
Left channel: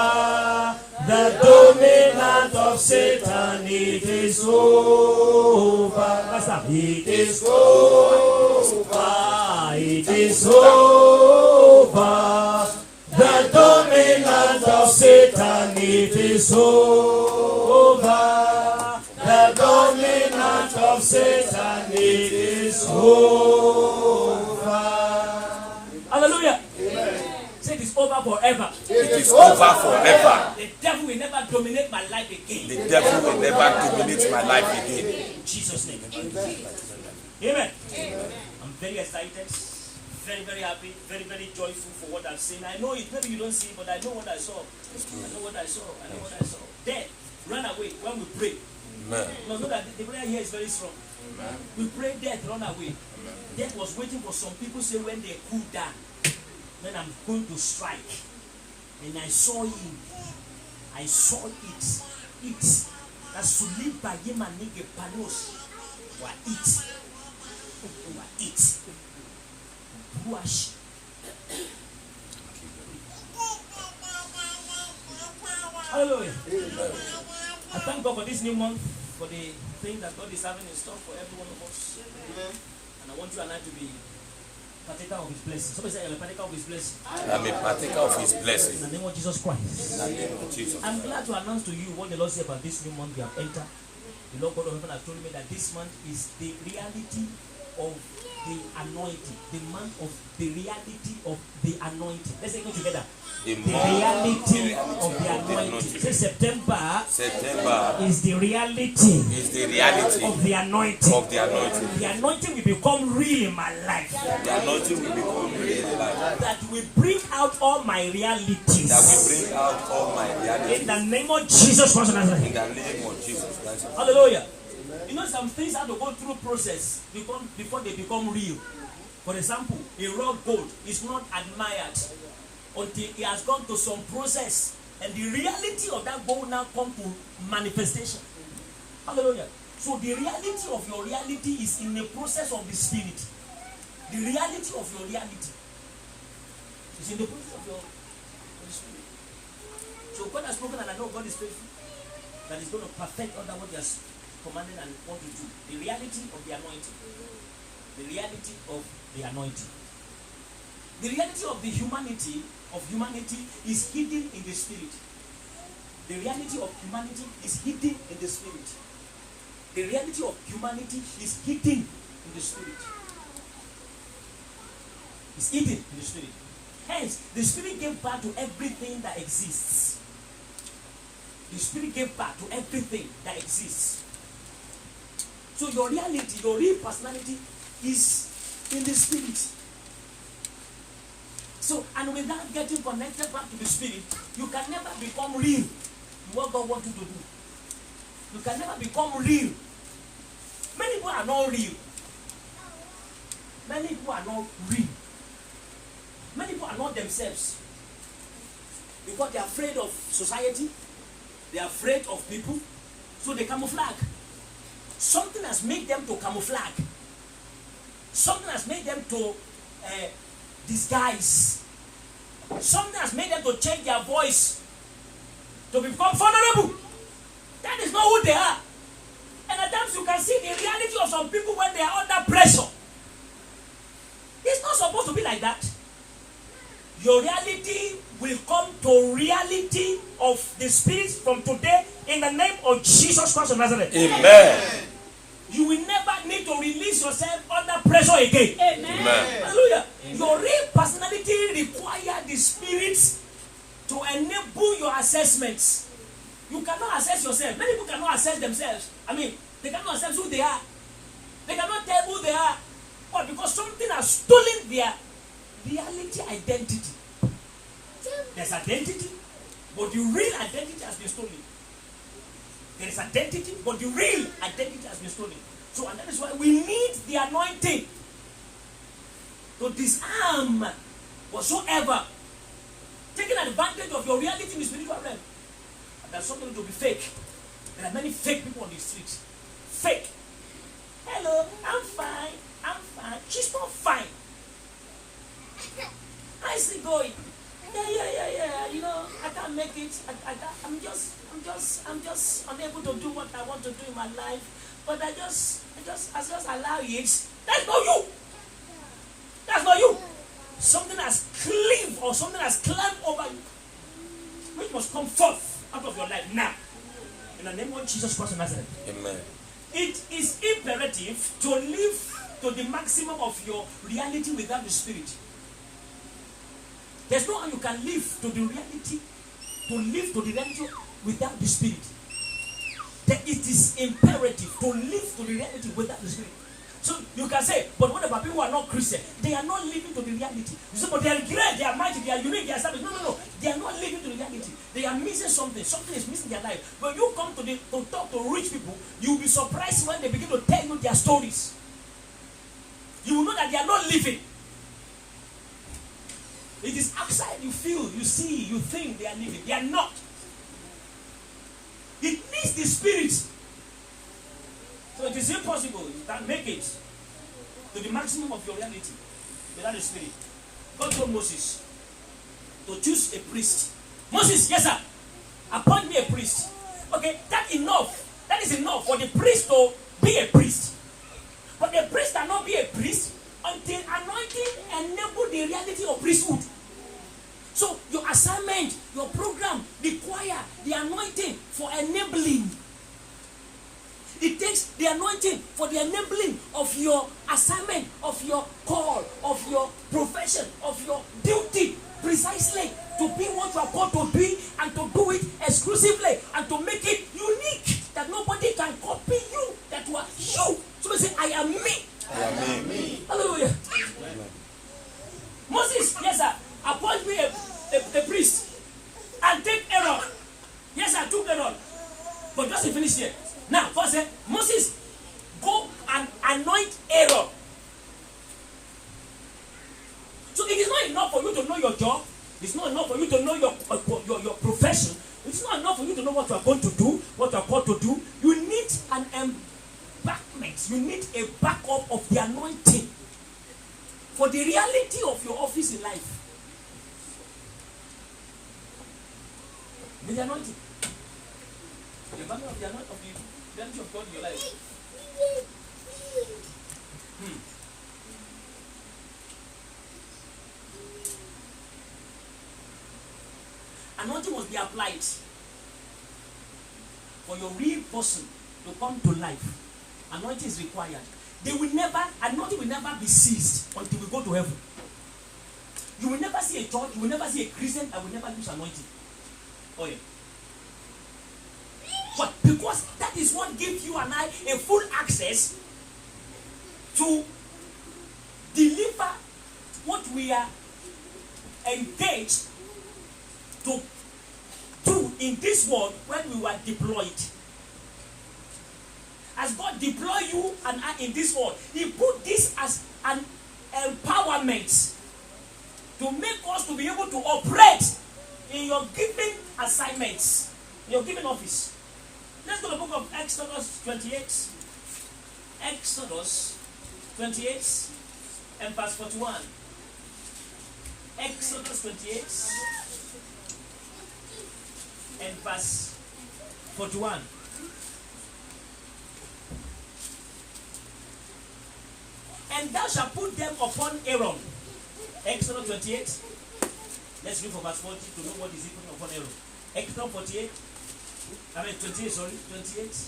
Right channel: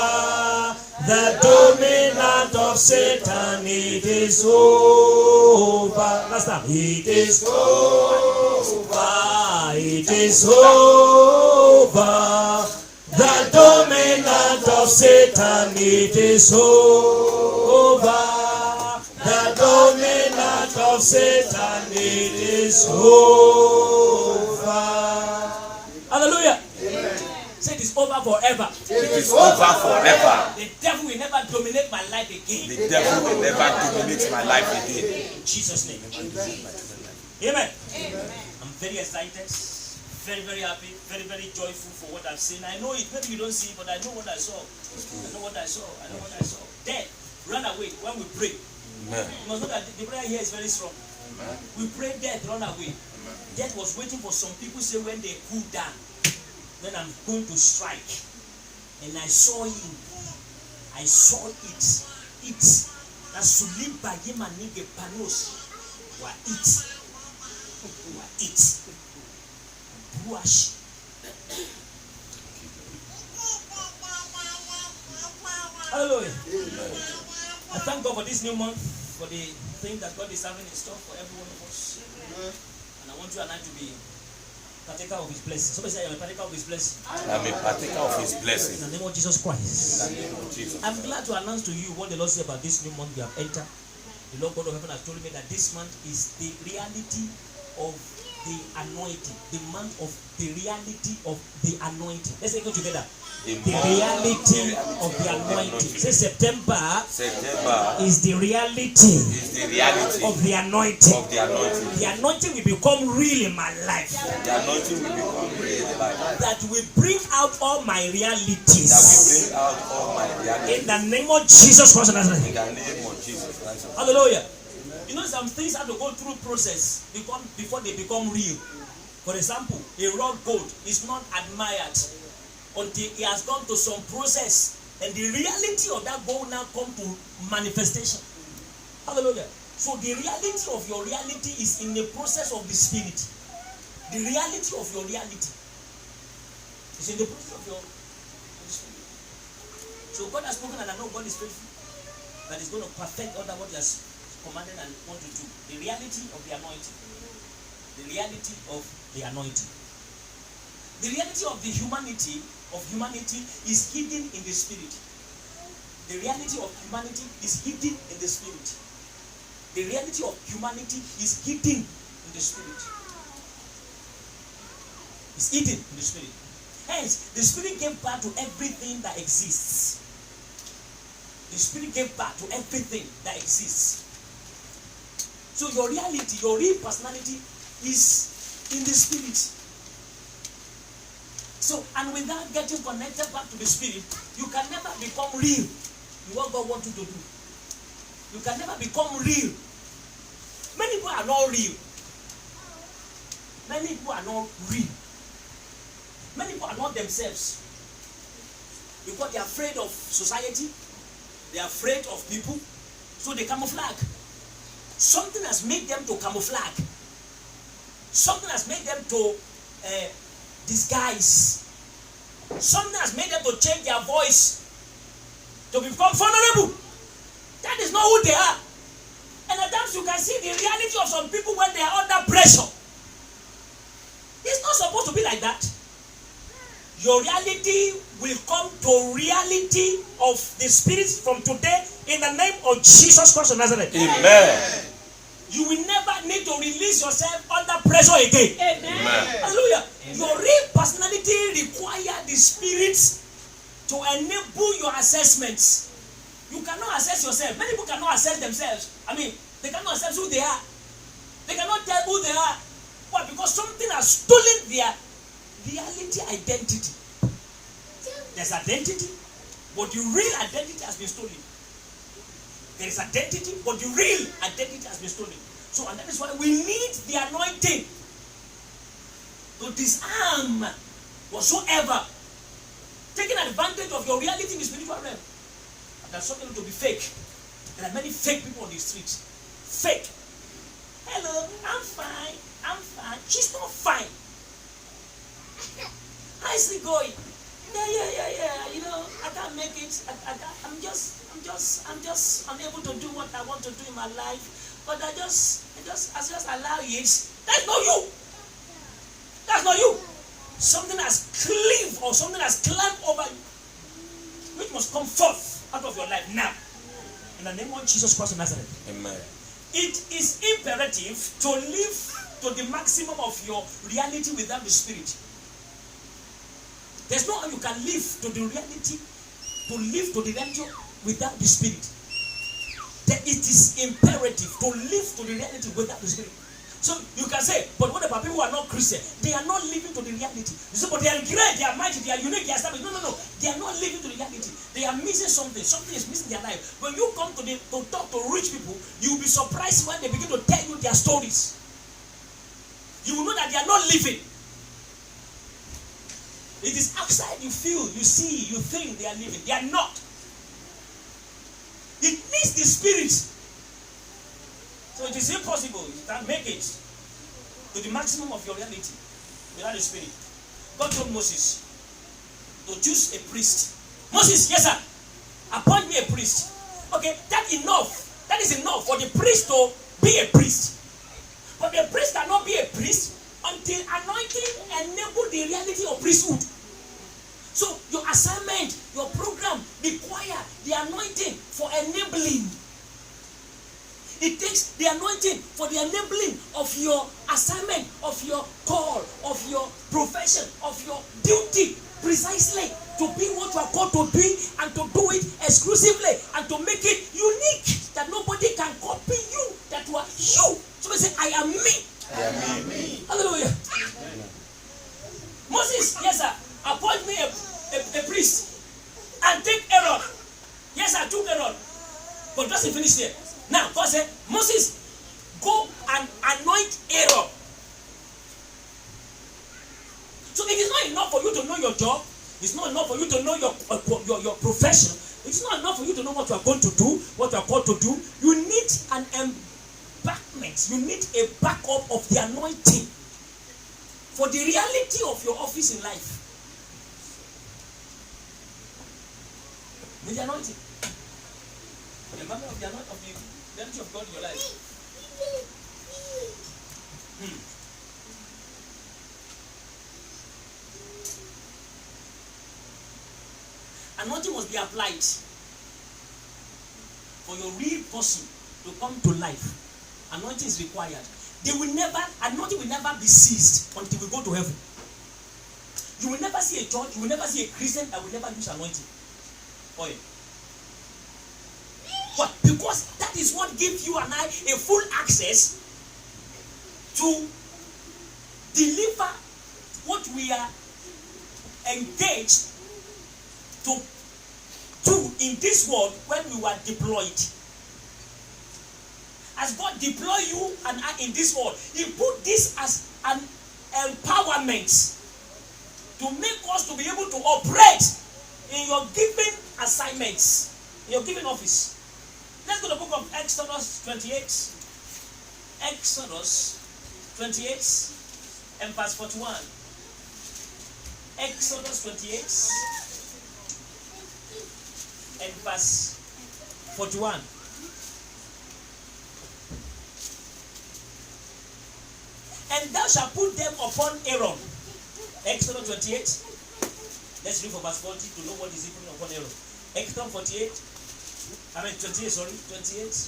The dominant of Satan, it is over. Last time. It is over. It is over. The dominant of Satan, it is over. The dominant of Satan, it is over. Hallelujah. Amen. Say it is over forever. It is over forever. The devil will never dominate my life again. The devil will never dominate my life again. In Jesus' name. Amen. I'm very excited. Very, very happy, very, very joyful for what I've seen. I know it, maybe you don't see it, but I know what I saw. I know what I saw. I know what I saw. Death run away when we pray. Amen. You must know that the prayer here is very strong. Amen. We pray, death run away. Amen. Death was waiting for some people, say when they cool down, then I'm going to strike. And I saw him. I saw it. It. That's to live by him and nigga panos. Wa it. Wa it. Wash. Hallelujah. I thank God for this new month, for the things that God is having in store for every one of us. And I want you and I to be partaker of His blessing. Somebody say, I'm a partaker of His blessing. I'm a partaker of His blessing. In the name of Jesus Christ. In the name of Jesus. I'm glad to announce to you what the Lord said about this new month you have entered. The Lord God of heaven has told me that this month is the reality of the anointing. The month of the reality of the anointing. Let's say go together. The reality of the anointing. Say September is the reality of the anointing. The anointing will become real in my life. The anointing will become real in my life. That will bring out all my realities. That will bring out all my realities. In the name of Jesus Christ. In the name of Jesus Christ. Hallelujah. You know, some things have to go through process before they become real. For example, a raw gold is not admired until it has gone to some process, and the reality of that gold now come to manifestation. Hallelujah. So the reality of your reality is in the process of the spirit. The reality of your reality is in the process of your spirit. So God has spoken, and I know God is faithful, that He's going to perfect all that what He has commanded and want to do. The reality of the anointing. The reality of the anointing. The reality of the humanity is hidden in the spirit. The reality of humanity is hidden in the spirit. The reality of humanity is hidden in the spirit. It's hidden in the spirit. Hence, the spirit gave birth to everything that exists. The spirit gave birth to everything that exists. So your reality, your real personality is in the spirit. So, and without getting connected back to the spirit, you can never become real in what God wants you to do. You can never become real. Many people are not real. Many people are not real. Many people are not themselves. Because they are afraid of society. They are afraid of people. So they camouflage. Something has made them to camouflage. Something has made them to disguise. Something has made them to change their voice to become vulnerable. That is not who they are. And at times you can see the reality of some people when they are under pressure. It's not supposed to be like that. Your reality will come to reality of the spirit from today in the name of Jesus Christ of Nazareth. Amen. You will never need to release yourself under pressure again. Amen. Hallelujah. Amen. Your real personality requires the spirit to enable your assessments. You cannot assess yourself. Many people cannot assess themselves. I mean, they cannot assess who they are. They cannot tell who they are. Why? Because something has stolen their reality identity. There's identity, but the real identity has been stolen. There is identity, but the real identity has been stolen. So, and that is why we need the anointing to disarm whatsoever taking advantage of your reality in the spiritual realm. And there's something to be fake. There are many fake people on the street. Fake. Hello, I'm fine. I'm fine. She's not fine. How's it going? Yeah. You know, I can't make it. I'm just unable to do what I want to do in my life. But I just allow it. That's not you. That's not you. Something has cleaved or something has climbed over you, which must come forth out of your life now. In the name of Jesus Christ of Nazareth. Amen. It is imperative to live to the maximum of your reality without the spirit. There's no how you can live to the reality without the spirit. It is imperative to live to the reality without the spirit. So you can say, but what about people who are not Christian? They are not living to the reality. You say, but they are great, they are mighty, they are unique, they are established. No. They are not living to the reality. They are missing something. Something is missing in their life. When you come to talk to rich people, you will be surprised when they begin to tell you their stories. You will know that they are not living. It is outside you feel, you see, you think they are living. They are not. It needs the spirit. So it is impossible. You can't make it to the maximum of your reality without the spirit. God told Moses to choose a priest. Moses, yes sir, appoint me a priest. Okay, that is enough for the priest to be a priest. But the priest cannot be a priest until anointing enable the reality of priesthood. So your assignment, your program require the anointing for enabling. It takes the anointing for the enabling of your assignment, of your call, of your profession, of your duty, precisely to be what you are called to be and to do it exclusively and to make it unique, that nobody can copy you, that you are you. Somebody say, I am me. I am me. Hallelujah. Moses, yes sir, appoint me a priest and take Aaron. Yes, I took Aaron. But doesn't finish there. Now, God said, Moses, go and anoint Aaron. So it is not enough for you to know your job. It's not enough for you to know your profession. It's not enough for you to know what you are going to do, what you are called to do. You need an embankment. You need a backup of the anointing for the reality of your office in life. With the anointing. The embankment of the anointing of the reality of God in your life. Anointing must be applied for your real person to come to life. Anointing is required. Anointing will never be ceased until we go to heaven. You will never see a church, you will never see a Christian that will never use anointing. Oh yeah. But because that is what gives you and I a full access to deliver what we are engaged to do in this world when we were deployed. As God deploy you and I in this world, He put this as an empowerment to make us to be able to operate in your given assignments, in your given office. Let's go to the book of Exodus 28. Exodus 28 and verse 41. Exodus 28 and verse 41. And thou shalt put them upon Aaron. Exodus 28. Let's read from verse 40 to know what is it upon Aaron. Exodus 28. 28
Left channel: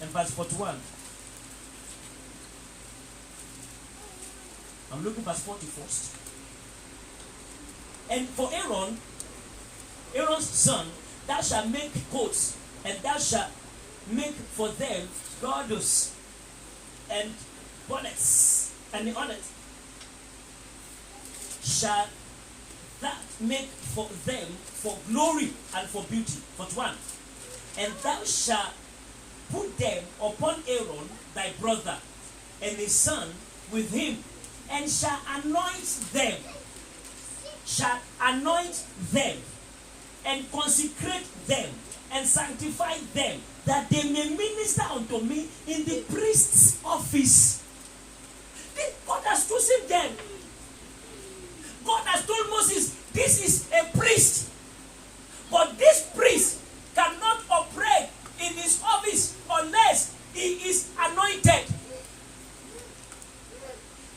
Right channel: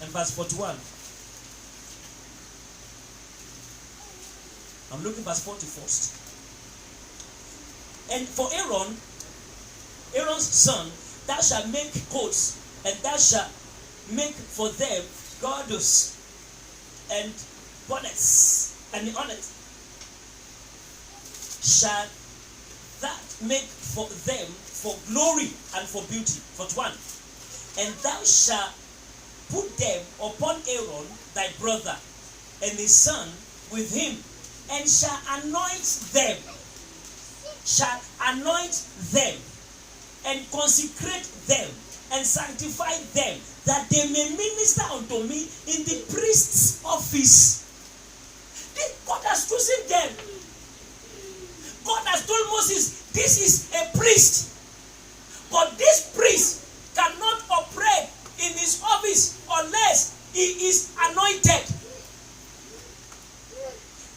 and verse 41. I'm looking verse 40 first. And for Aaron's son, thou shalt make coats, and thou shalt make for them girdles and bonnets, and the honors shall that make for them for glory and for beauty. 41. And thou shalt put them upon Aaron thy brother and his son with him, and shall anoint them, and consecrate them, and sanctify them, that they may minister unto me in the priest's office. God has chosen them. God has told Moses, this is a priest, but this priest cannot operate in his office unless he is anointed.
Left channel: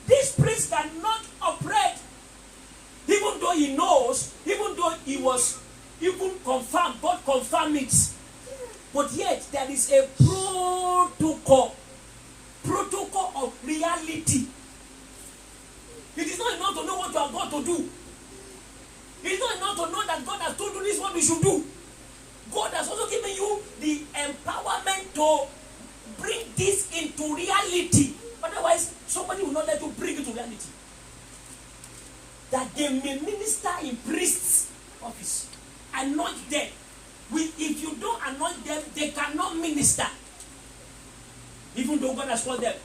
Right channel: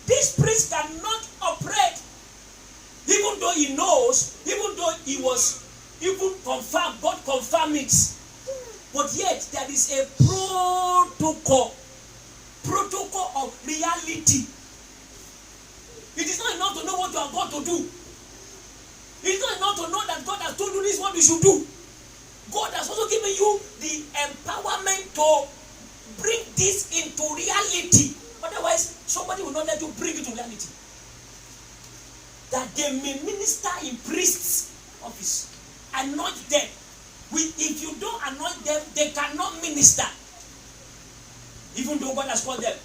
This priest cannot operate, even though he knows, even though he was even confirmed, God confirmed it. But yet there is a protocol of reality. It is not enough to know what you are going to do. It is not enough to know that God has told you this is what you should do. God has also given you the empowerment to bring this into reality. Otherwise, somebody will not let you bring it to reality. That they may minister in priest's office. Anoint them. If you don't anoint them, they cannot minister. Even though God has called them.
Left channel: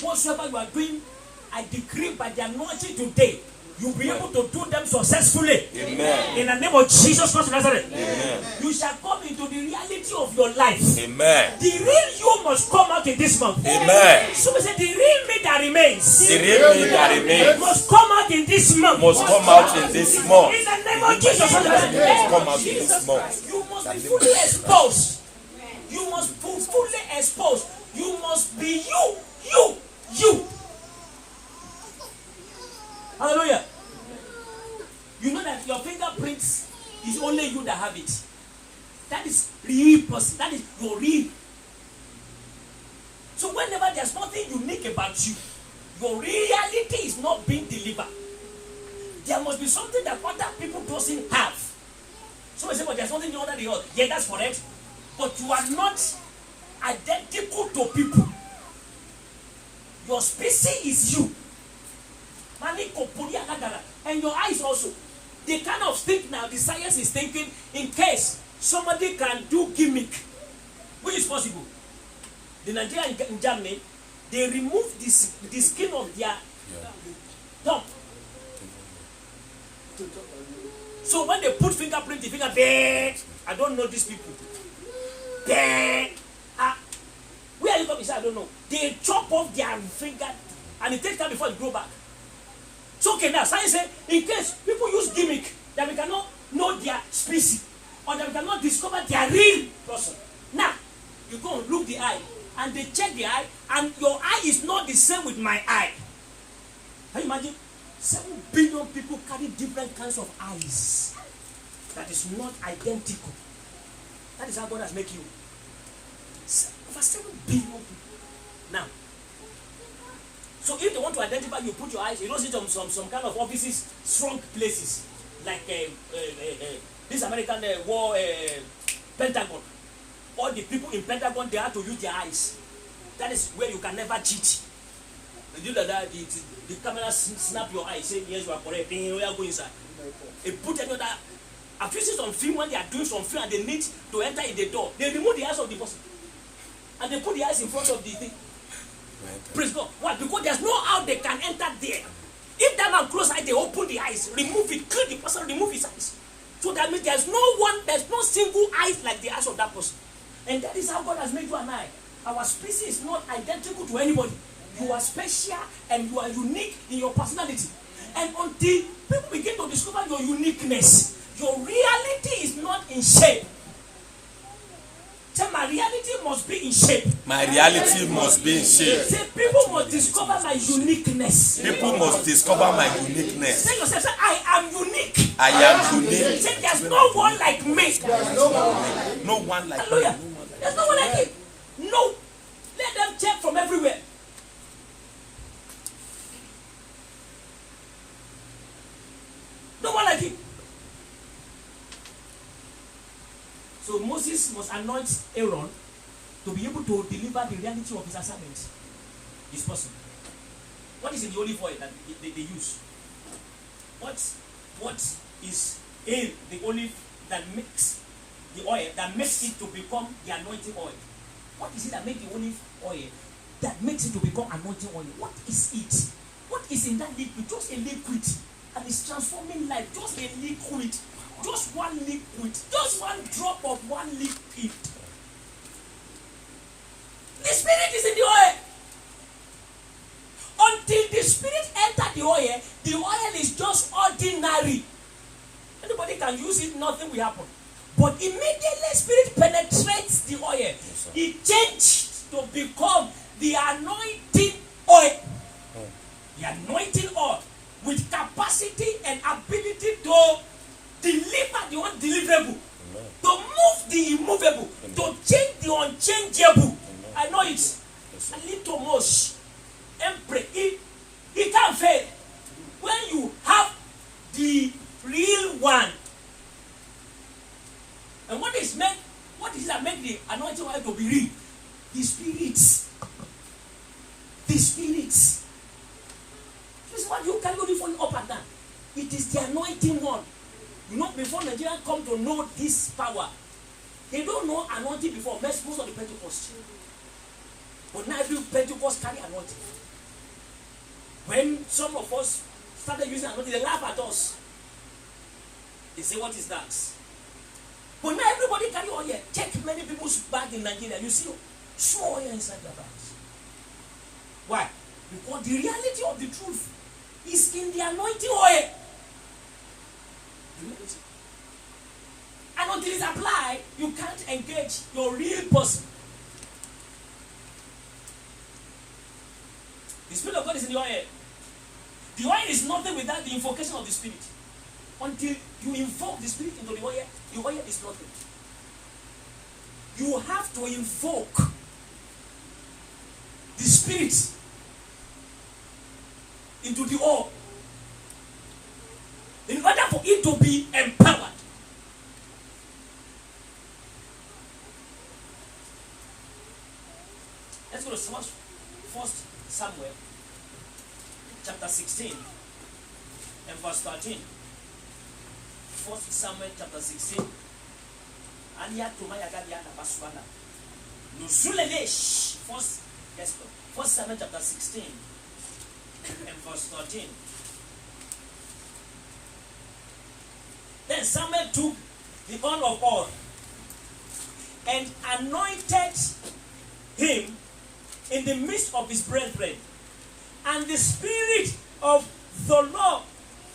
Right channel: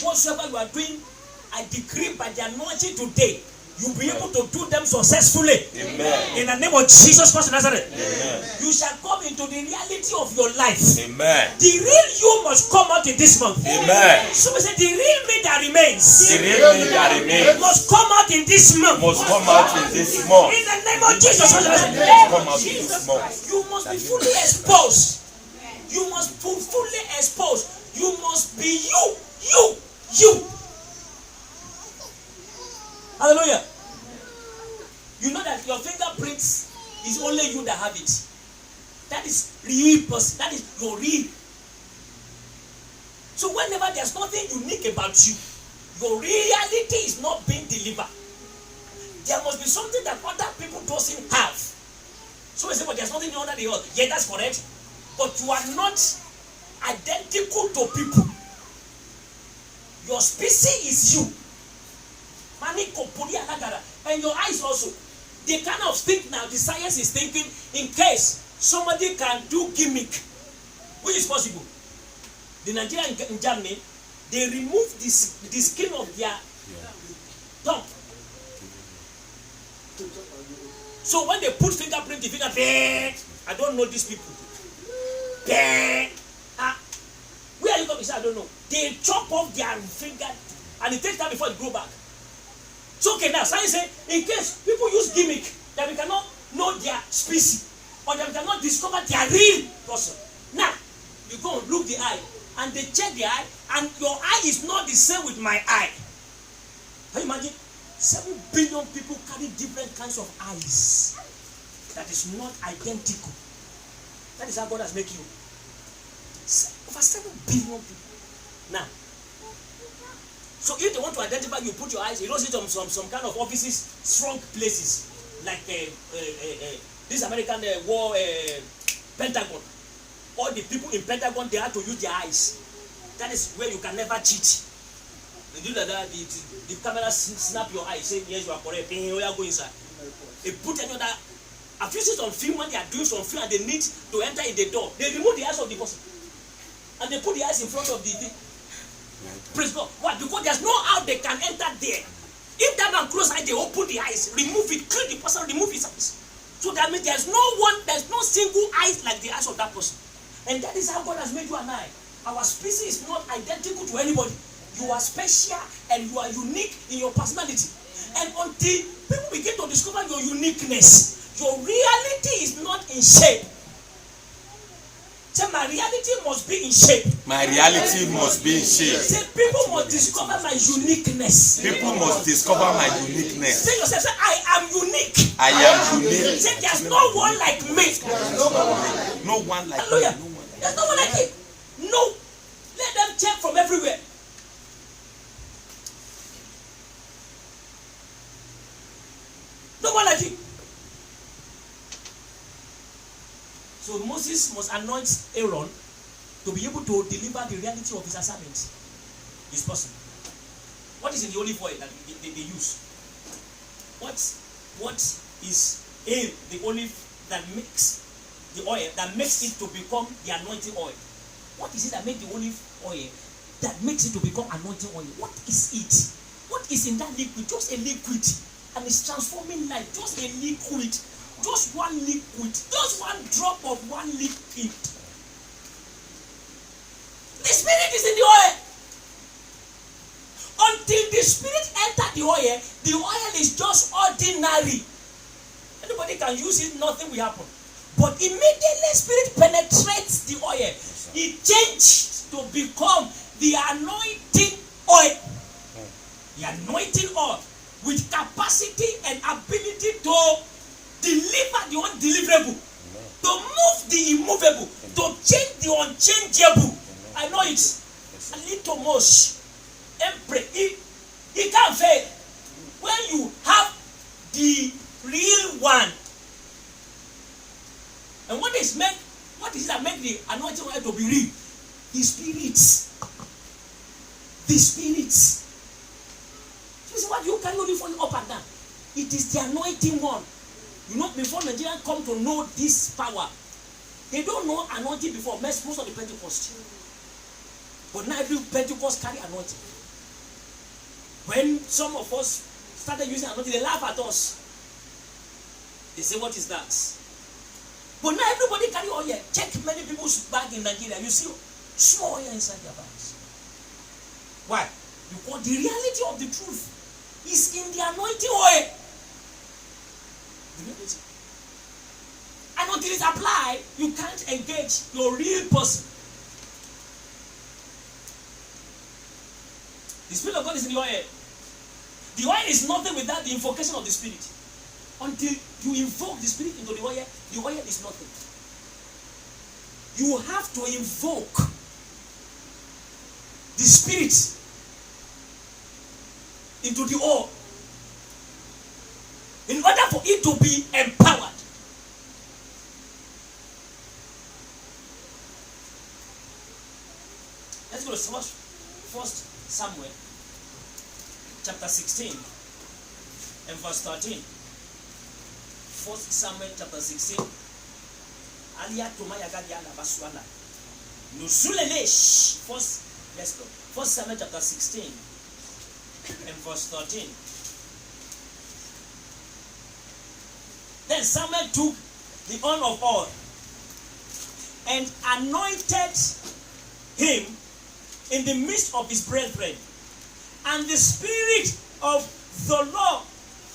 Whatsoever you are doing, I decree by the anointing today, you'll be able to do them successfully. Amen. In the name of Jesus Christ of Nazareth. Amen. You shall come into the reality of your life. Amen. The real you must come out in this month. Amen. So we say the real me that remains. The real me that remains Must come out in this month. must come out in this month. In the name of Jesus Christ of Nazareth. Must come out in this month. You must be fully exposed. You must be fully exposed. You must be you. Hallelujah. You know that your fingerprints is only you that have it. That is real person. That is your real. So whenever there's nothing unique about you, your reality is not being delivered. There must be something that other people doesn't have. So we say, well, there's nothing under the earth. Yeah, that's correct. But you are not identical to people. Your species is you. And your eyes also. The kind of thing now the science is thinking, in case somebody can do gimmick, which is possible. The Nigerian in Germany, they remove the skin of their tongue. So when they put fingerprint, the finger, I don't know these people. Where are you going? I don't know. They chop off their finger and it takes time before it grow back. So okay, now science say, in case people use gimmick that we cannot know their species or that we cannot discover their real person. Now, you go and look the eye and they check the eye and your eye is not the same with my eye. Can you imagine? 7 billion people carry different kinds of eyes. That is not identical. That is how God has made you. Over 7 billion people. Now, so if they want to identify you, put your eyes, you don't see some kind of offices, strong places, like this American war Pentagon. All the people in Pentagon, they have to use their eyes. That is where you can never cheat. They do that, the camera snap your eyes, say yes, you are correct. Hey, we are going inside. They put another. I've used it on film when they are doing some film and they need to enter in the door. They remove the eyes of the person and they put the eyes in front of the thing. Praise God. Why? Because there's no how they can enter there. If that man close eye, they open the eyes, remove it, clean the person, remove his eyes. So that means there's no single eyes like the eyes of that person. And that is how God has made you and I. Our species is not identical to anybody. You are special and you are unique in your personality. And until people begin to discover your uniqueness, your reality is not in shape. Say, my reality must be in shape. My reality must be in shape. Say, people must discover my uniqueness. People must discover my uniqueness. Say yourself, say, I am unique. I am unique. Say, there's no one like me. No one like me. Hallelujah. No one like There's no one like him. No. Let them check from everywhere. No one like him. So Moses must anoint Aaron to be able to deliver the reality of his assignment. This person. What is in the olive oil that they use? What is in the olive that makes the oil, that makes it to become the anointing oil? What is it that makes the olive oil that makes it to become anointing oil? What is it? What is in that liquid? Just a liquid. And it's transforming life. Just a liquid. Just one liquid. Just one drop of one liquid. The Spirit is in the oil. Until the Spirit enters the oil is just ordinary. Anybody can use it, nothing will happen. But immediately Spirit penetrates the oil, it changes to become the anointing oil. The anointing oil with capacity and ability to deliver the undeliverable, to move the immovable, to change the unchangeable. I know it's a little much. It can't fail. When you have the real one. And what is it that makes the anointing oil to be real? The Spirit. The Spirit. So this is what you carry only for you up and down. It is the anointing one. You know, before Nigerians come to know this power, they don't know anointing before. Most of the Pentecost. But now every Pentecost carry anointing. When some of us started using anointing, they laugh at us. They say, what is that? But now everybody carry oil. Check many people's bag in Nigeria. You see small oil inside their bags. Why? Because the reality of the truth is in the anointing oil. The reality. And until it's applied, you can't engage your real person. The Spirit of God is in the oil. The oil is nothing without the invocation of the Spirit. Until you invoke the Spirit into the oil is nothing. You have to invoke the Spirit into the oil in order for it to be empowered. Let's go to 1 Samuel chapter 16 and verse 13. 1 Samuel chapter 16. Alia Tomaya Gadiana Baswana. Nusulelesh. Let's go. 1 Samuel chapter 16 and verse 13. Then Samuel took the horn of oil and anointed him in the midst of his brethren. And the Spirit of the Lord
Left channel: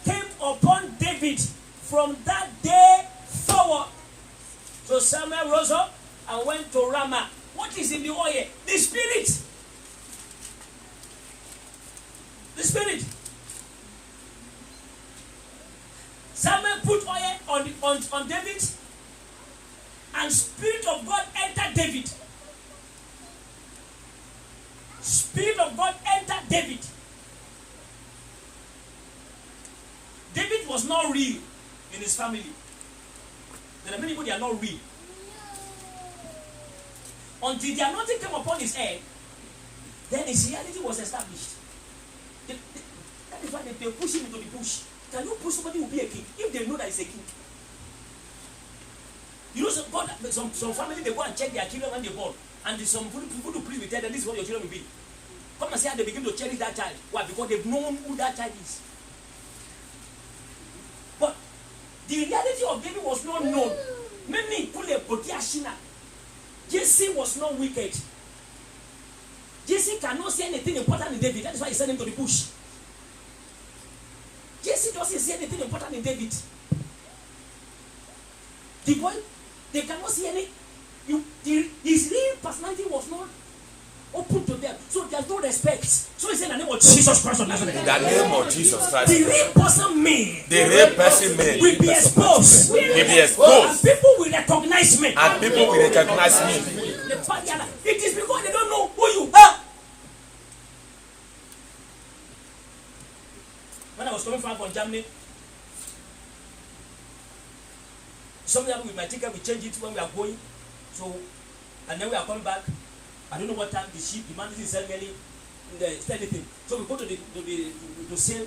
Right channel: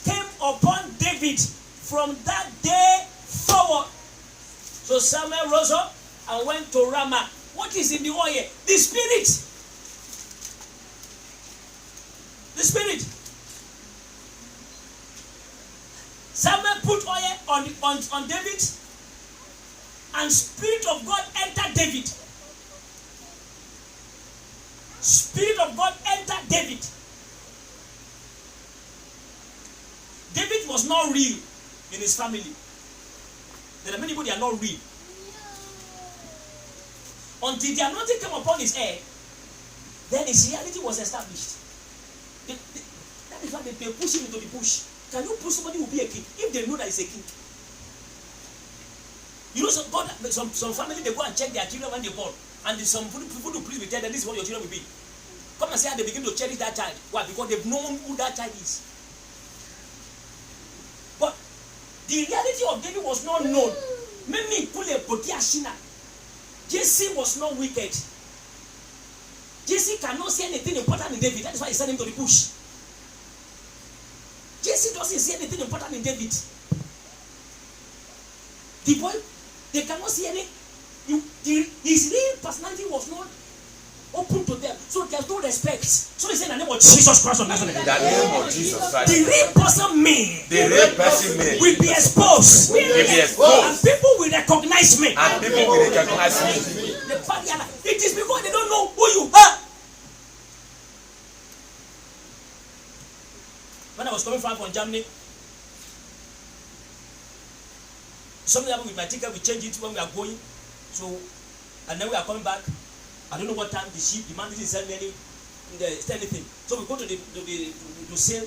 came upon David from that day forward. So Samuel rose up and went to Ramah. What is in the oil? The Spirit. The Spirit. Samuel put oil on David, and Spirit of God entered David. Spirit of God entered David. David was not real in his family. There are many people they are not real. Until the anointing came upon his head, then his reality was established. That is why they push him into the bush. Can you push somebody who will be a king if they know that he's a king? You know, some family they go and check their children when they born, and some people do believe that this is what your children will be. Come and say how they begin to cherish that child. Why? Because they've known who that child is. But the reality of David was not known. Many Jesse was not wicked. Jesse cannot see anything important in David. That is why he sent him to the bush. Jesse doesn't see anything important in David. The boy, they cannot see any. His real personality was not open to them. So there's no respect. So he said in the name of Jesus Christ of Nazareth. In the name of Jesus Christ. The real person me. The real person me. Will be exposed. Will be exposed. And people will recognize me. And people will recognize me. It is because they don't know who you are. When I was coming from Germany, something happened with my ticket. We changed it when we are going. So, and then we are coming back. I don't know what time the ship, the man didn't sell me anything. So we go to sale.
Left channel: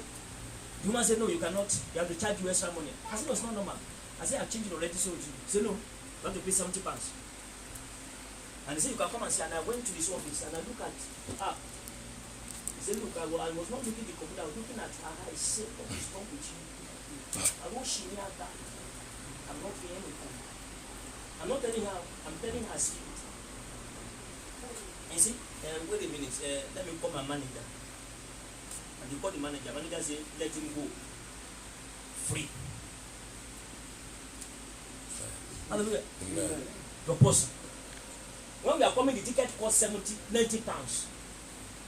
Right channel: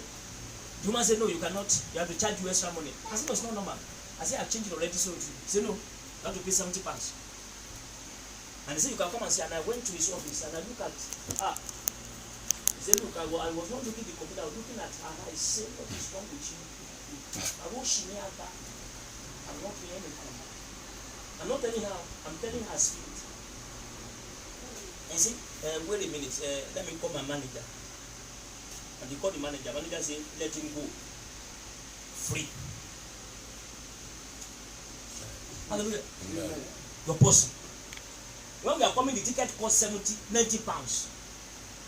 The woman said, no, you cannot. You have to charge you extra money. I said, no, it's not normal. I said, I've changed it already. So he said, no, you have to pay 70 pounds. And he said, you can come and see. And I went to his office and I look at he said, look, I was not looking at the computer. I was looking at her. I said, what is wrong with you? I won't she near that. I'm not feeling anything. I'm not telling her. I'm telling her spirit. And say, wait a minute, let me call my manager. And you call the manager. Manager say, let him go. Free. Hallelujah. Amen. Your person. When we are coming, the ticket cost 90 pounds.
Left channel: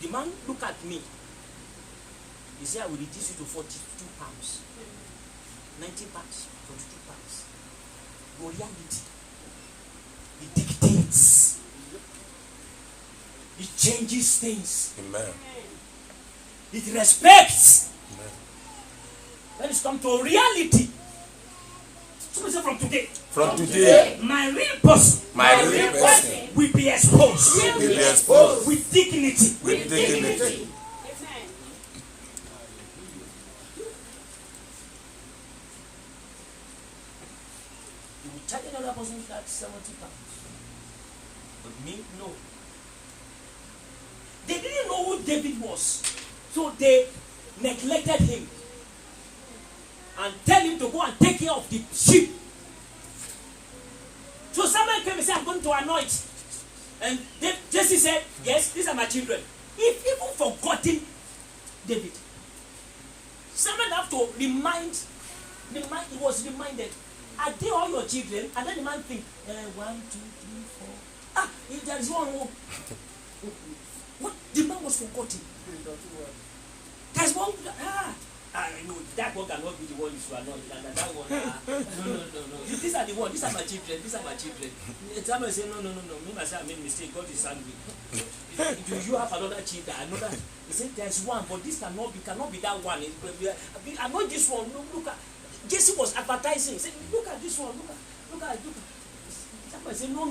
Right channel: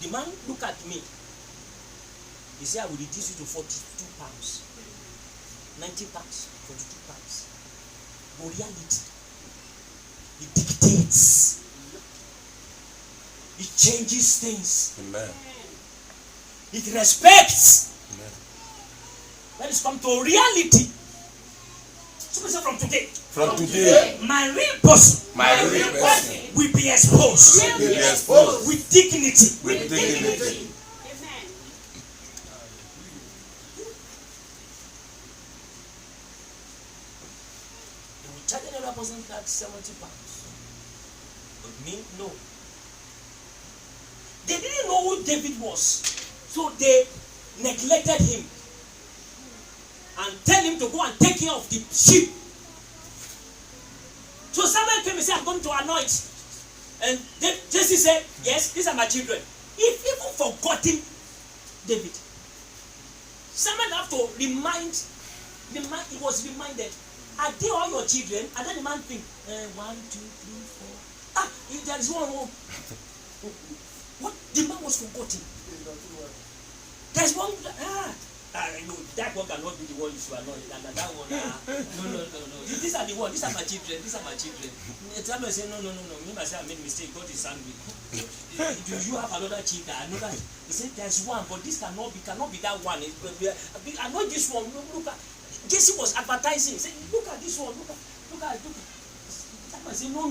The man look at me. He said, I will reduce you to 42 pounds. 90 pounds, 42 pounds. But reality, it dictates. It changes things. Amen. It respects. Amen. Let us come to reality. Somebody say from today. From today, my real person, will be exposed. Will be exposed. With dignity. With dignity. Amen. You will charge another person that 70 pounds. But me, no. They didn't know who David was. So they neglected him. And tell him to go and take care of the sheep. So Samuel came and said, I'm going to anoint. And Jesse said, yes, these are my children. If even forgotten David, Samuel have to remind, he was reminded, are they all your children? And then the man think, 1, 2, 3, 4. If there is one more. What? The man was forgotten. There's one. No, that one cannot be the one you should anoint. And that one, no. These are the one. These are my children. Samuel said, no. Me myself, I made a mistake. God is angry. Do you have another child? Another? He said, there's one, but this cannot be that one. I know this one. Look at. Jesse was advertising. He said, look at this one. Look at. Samuel said, no.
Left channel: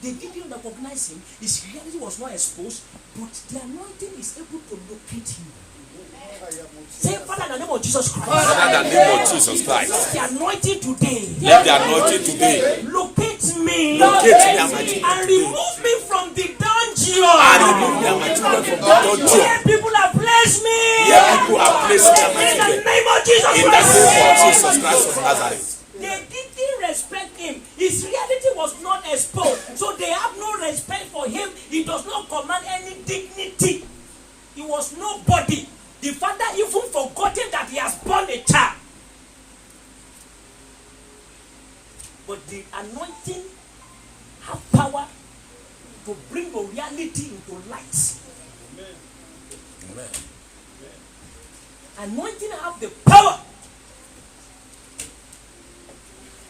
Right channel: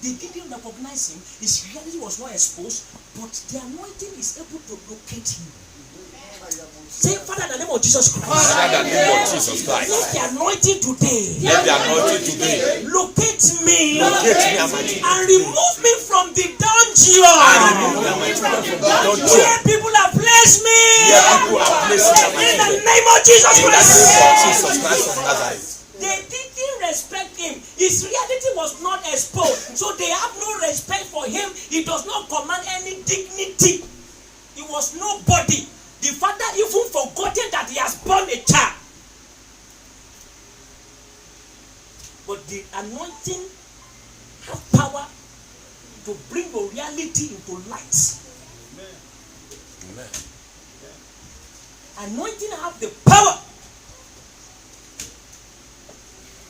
They didn't recognize him. His reality was not exposed, but the anointing is able to locate him. Say, Father, in the name of Jesus Christ. Father, in the name of Jesus Christ. Let the anointing today. Let the anointing today Locate me. and remove me from the dungeon. Where people have placed me. In the name of Jesus Christ. of Nazareth. They didn't respect him. His reality was not exposed. So they have no respect for him. He does not command any dignity. He was nobody. The father even forgotten that he has born a child. But the anointing have power to bring your reality into light. Amen. Anointing have the power.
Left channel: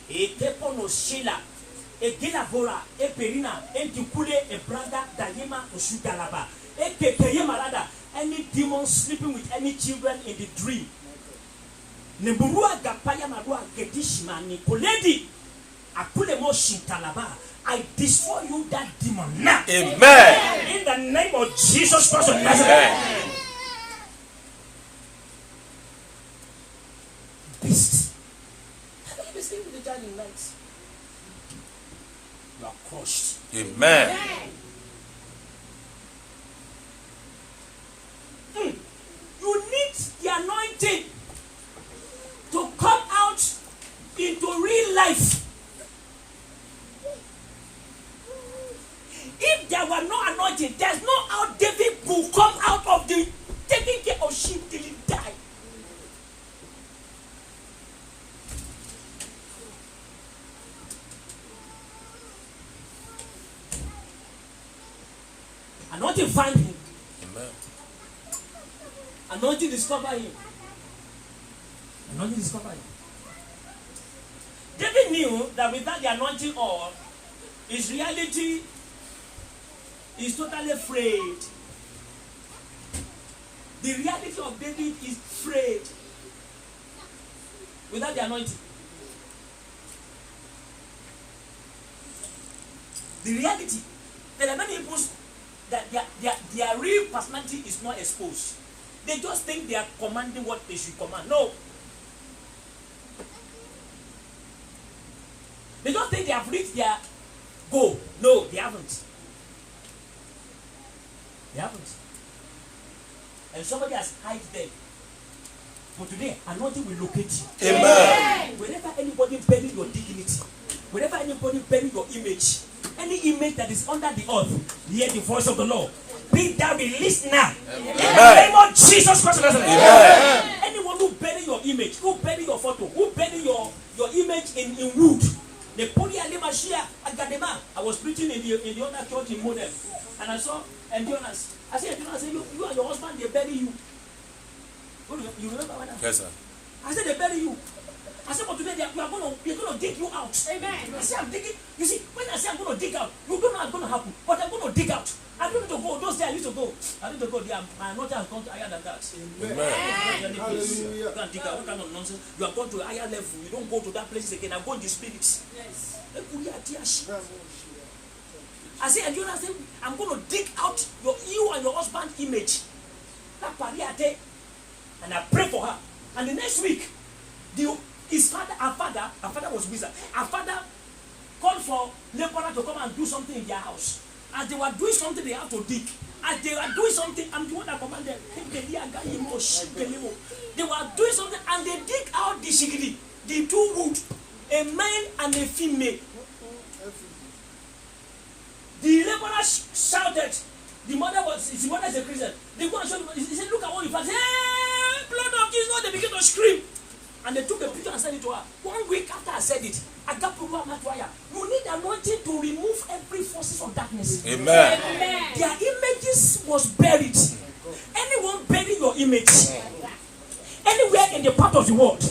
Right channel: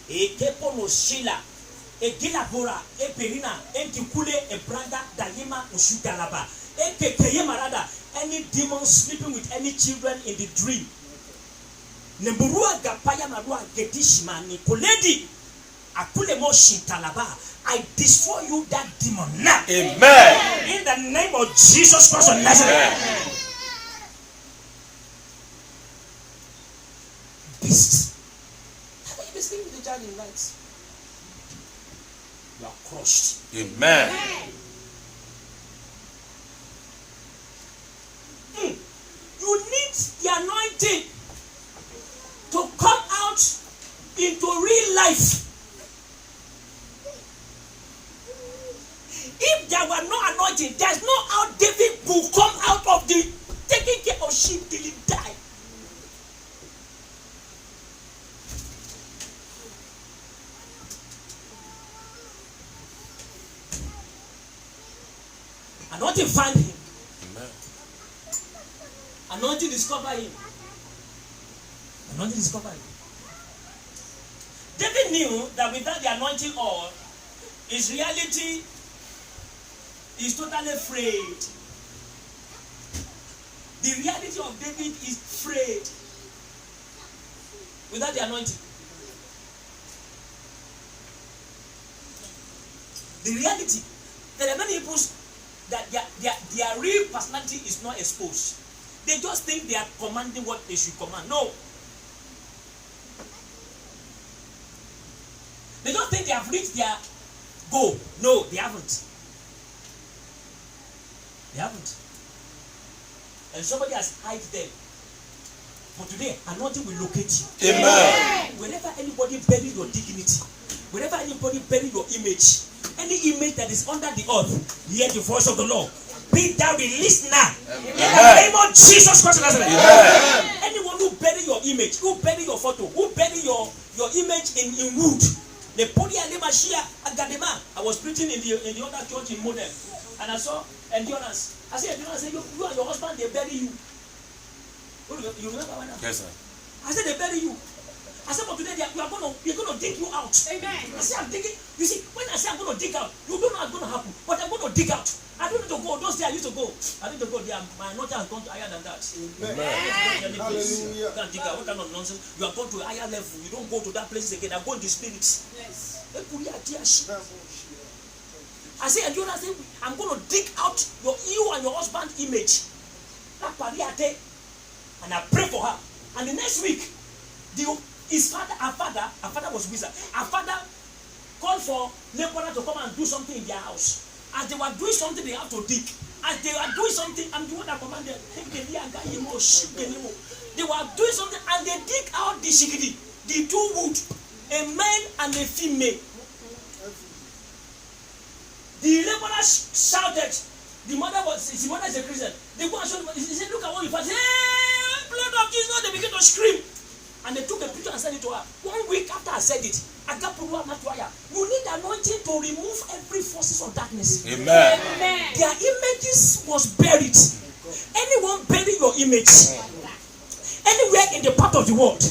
Ekepono Shila, Egilabora, Eperina, Entikule, Ebranda, Dayema, Oshudalaba, Ekekeye Marada. Any demon sleeping with any children in the dream, Nemburua gapaya marua gedishma ni koledi. Akule mo shintalaba. I destroy you that demon now. Amen. In the name of Jesus Christ of Nazareth. Beast. How are you sleeping with the child in night? You are crushed. Amen. You need the anointing to come out into real life. If there were no anointing, there's no how David will come out of the taking care of sheep till he die. Anointing find him. Amen. Anointing discover him. Anointing discover him. David knew that without the anointing oil, his reality is totally frayed. The reality of David is frayed without the anointing. The reality, there are many people that their real personality is not exposed. They just think they are commanding what they should command. No. They don't think they have reached their goal. No, they haven't. They haven't. And somebody has hid them. But today, anointing will locate you. Amen. Whenever anybody bury your dignity, whenever anybody bury your image, any image that is under the earth, hear the voice of the Lord. Be thou released now. Amen. In the name of Jesus Christ. Amen. Anyone who bury your image, who bury your photo, who bury your image in wood. I was preaching in the other church in Modem, and I saw Endurance. I said, Endurance, you and your husband, they bury you. You remember when Yes, sir. I said they bury you. I said, but today we're gonna dig you out. Amen. I said, I'm digging. You see, when I say I'm gonna dig out, you don't know what's gonna happen, but I'm gonna dig out. I don't need to go. Those days I used to go. I need to go there. My anointing has gone to higher than that. Amen. You can't dig out. What kind of nonsense? You have gone to a higher level. You don't go to that place again. I go in the spirit. Yes. I say, and you say, I'm going to dig out you and your husband's image. And I pray for her. And the next week, her father was wizard. Her father called for neighbor to come and do something in their house. As they were doing something, they have to dig. As they were doing something, I'm the one that commanded. They were doing something and they dig out the shigidi, the two wood, a male and a female. The laborer shouted. His mother is a Christian. They go and show him. He said, look at what you found. Hey, blood of Jesus. They begin to scream. And they took a picture and sent it to her. 1 week after I said it, you need anointing to remove every forces of darkness. Amen. Their images was buried. Anyone bury your image anywhere in the part of the world.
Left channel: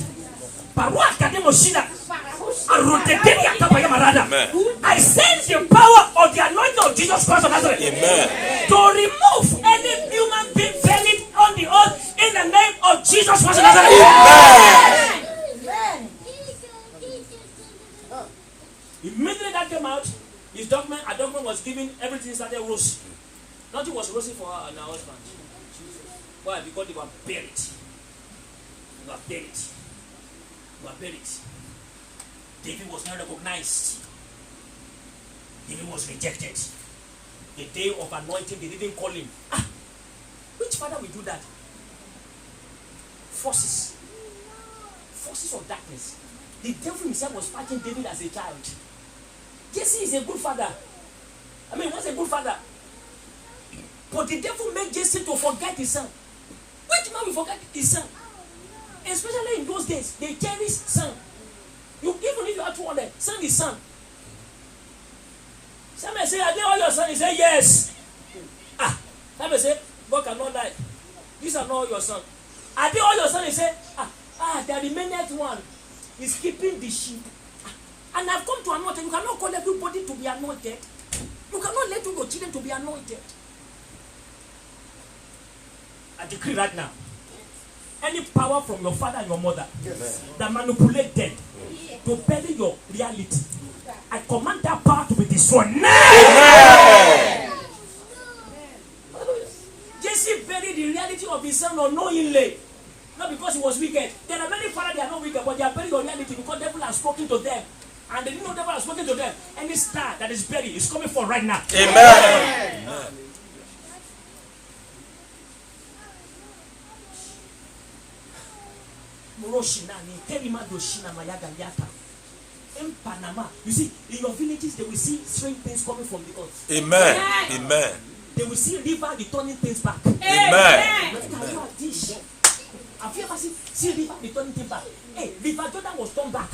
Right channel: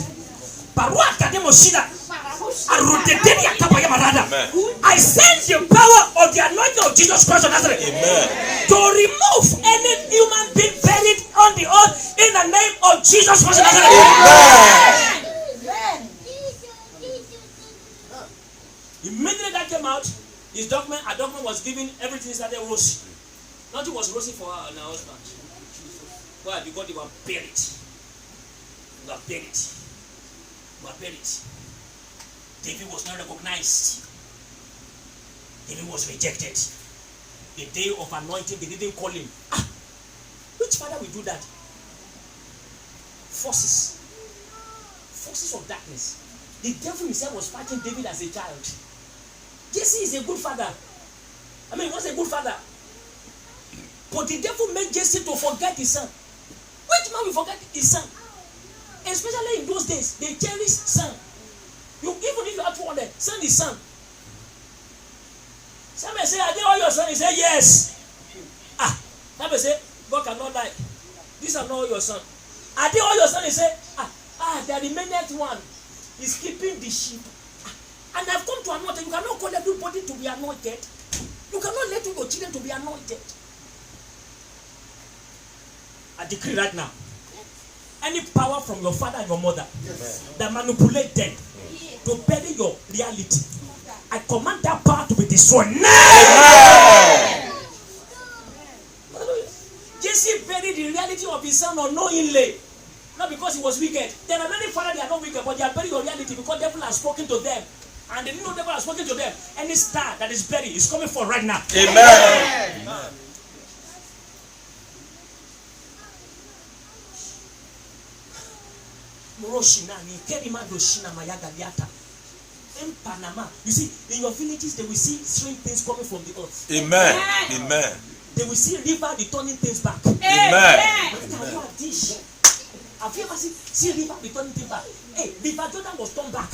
I send the power of the anointing of Jesus Christ of Nazareth. Amen. To remove any human being buried on the earth in the name of Jesus Christ of Nazareth. Amen. Immediately that came out, a document was given, everything started rosy. Nothing was rosy for her and her husband. Why? Because they were buried. David was not recognized. David was rejected. The day of anointing, they didn't call him. Which father will do that? Forces of darkness. The devil himself was fighting David as a child. Jesse is a good father. He was a good father. But the devil made Jesse to forget his son. Which man will forget his son? Especially in those days, they cherish son. Even if you are 200, son is son. Some may say, are they all your son? He say, yes. Some may say, God cannot die. These are not all your son. Are they all your son? He say, the remaining one is keeping the sheep. And I've come to anoint. You cannot call everybody to be anointed. You cannot let your children to be anointed. I decree right now. any power from your father and your mother that manipulate them to bury your reality, I command that power to be destroyed now. Jesse buried the reality of his son unknowingly. Not because he was wicked. There are many fathers, they are not wicked, but they are buried your reality because the devil has spoken to them. And they didn't know the devil has spoken to them. Any star that is buried is coming for right now. Amen. In Panama, you see, in your villages, they will see strange things coming from the earth. Amen. Amen. They will see river returning things back. Amen. Have you ever seen river returning things back? Hey, River Jordan was turned back.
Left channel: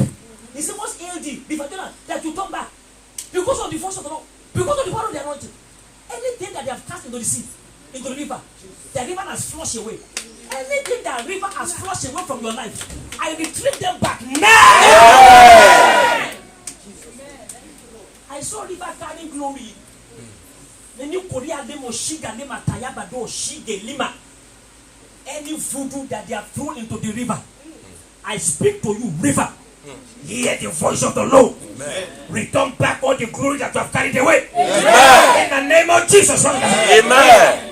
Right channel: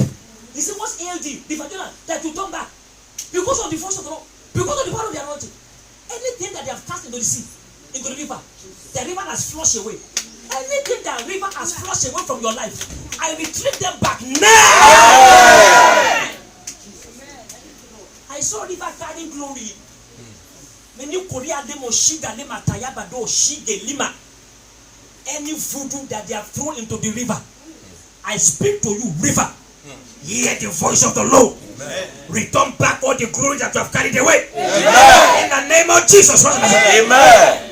He said, what's ALD? River Jordan, that you turn back. Because of the force of the Lord. Because of the power of the anointing. Anything that they have cast into the sea, into the river has flushed away. Anything that river has flushed away from your life, I retrieve them back now. I saw river carrying glory. Any voodoo that they have thrown into the river, I speak to you, river. Hear the voice of the Lord. Amen. Return back all the glory that you have carried away. Amen. In the name of Jesus. Amen.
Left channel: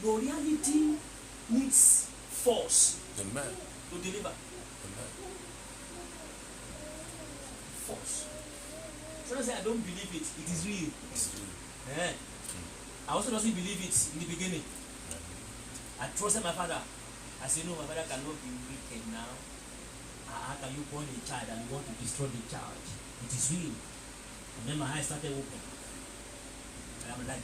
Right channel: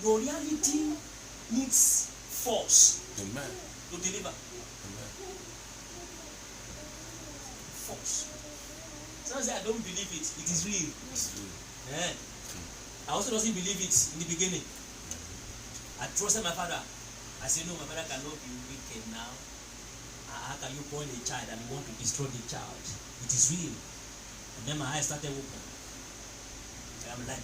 Your reality needs force. Amen. To deliver. Amen. Force. Sometimes say I don't believe it. It is real. Yeah. I also doesn't believe it in the beginning. I trusted my father. I said, no, my father cannot be wicked now. How can you point a child and you want to destroy the child? It is real. And then my eyes started open. I'm like,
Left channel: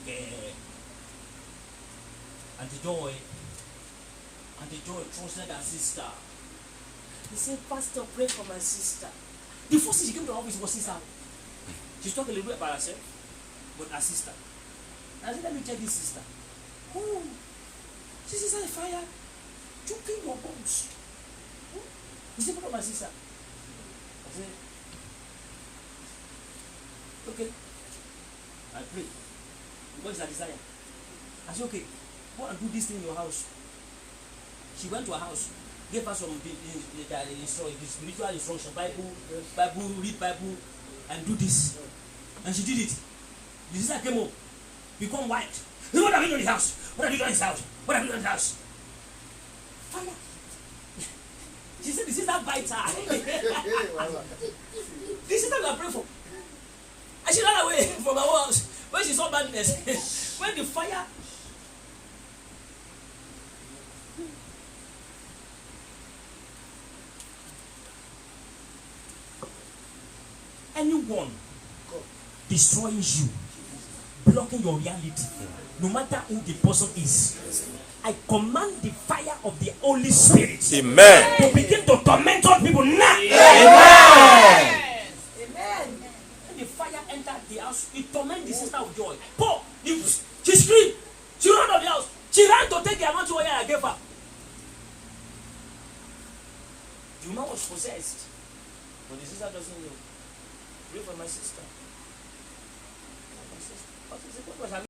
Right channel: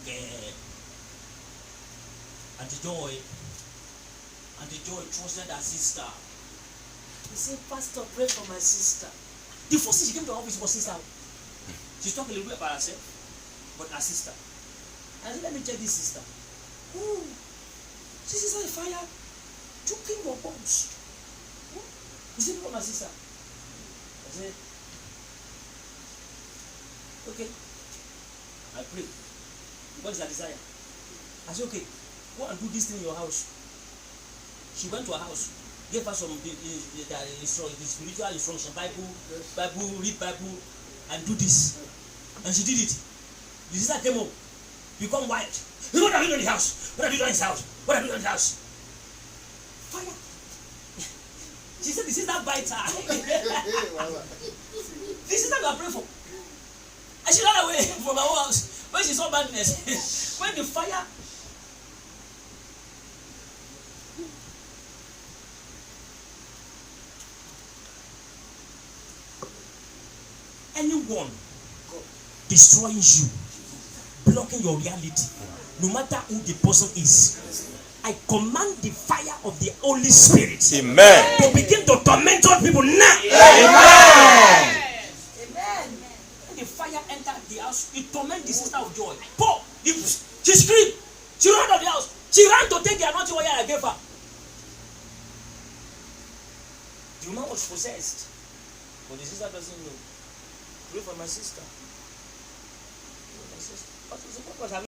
Auntie Joy trusted her sister. He said, Pastor, pray for my sister. The first thing she came to the office was sister. She's talking a little bit about herself, but her sister. I said, let me check this sister. Oh, this is a fire. Choking your bones. You see, look at my sister. I said, okay. I pray. What is her desire? I said, okay, go and do this thing in your house. She went to her house, gave her some spiritual instruction, Bible, read Bible, and do this. And she did it. The sister came home, become white. What have you done in the house? What have you done in the house? What have you done in the house? Fire. She said the sister bites her. This sister that I pray for. And she ran away from her house. When she saw badness, when the fire. Anyone destroying you, blocking your reality, no matter who the person is, I command the fire of the Holy Spirit to begin to torment all people now. Amen. When the fire entered the house, it tormented the sister of Joy. Paul, she screamed. She ran out of the house. She ran to take the anointing oil I gave her. The woman was possessed, but the sister doesn't know. Pray for my sister. What was her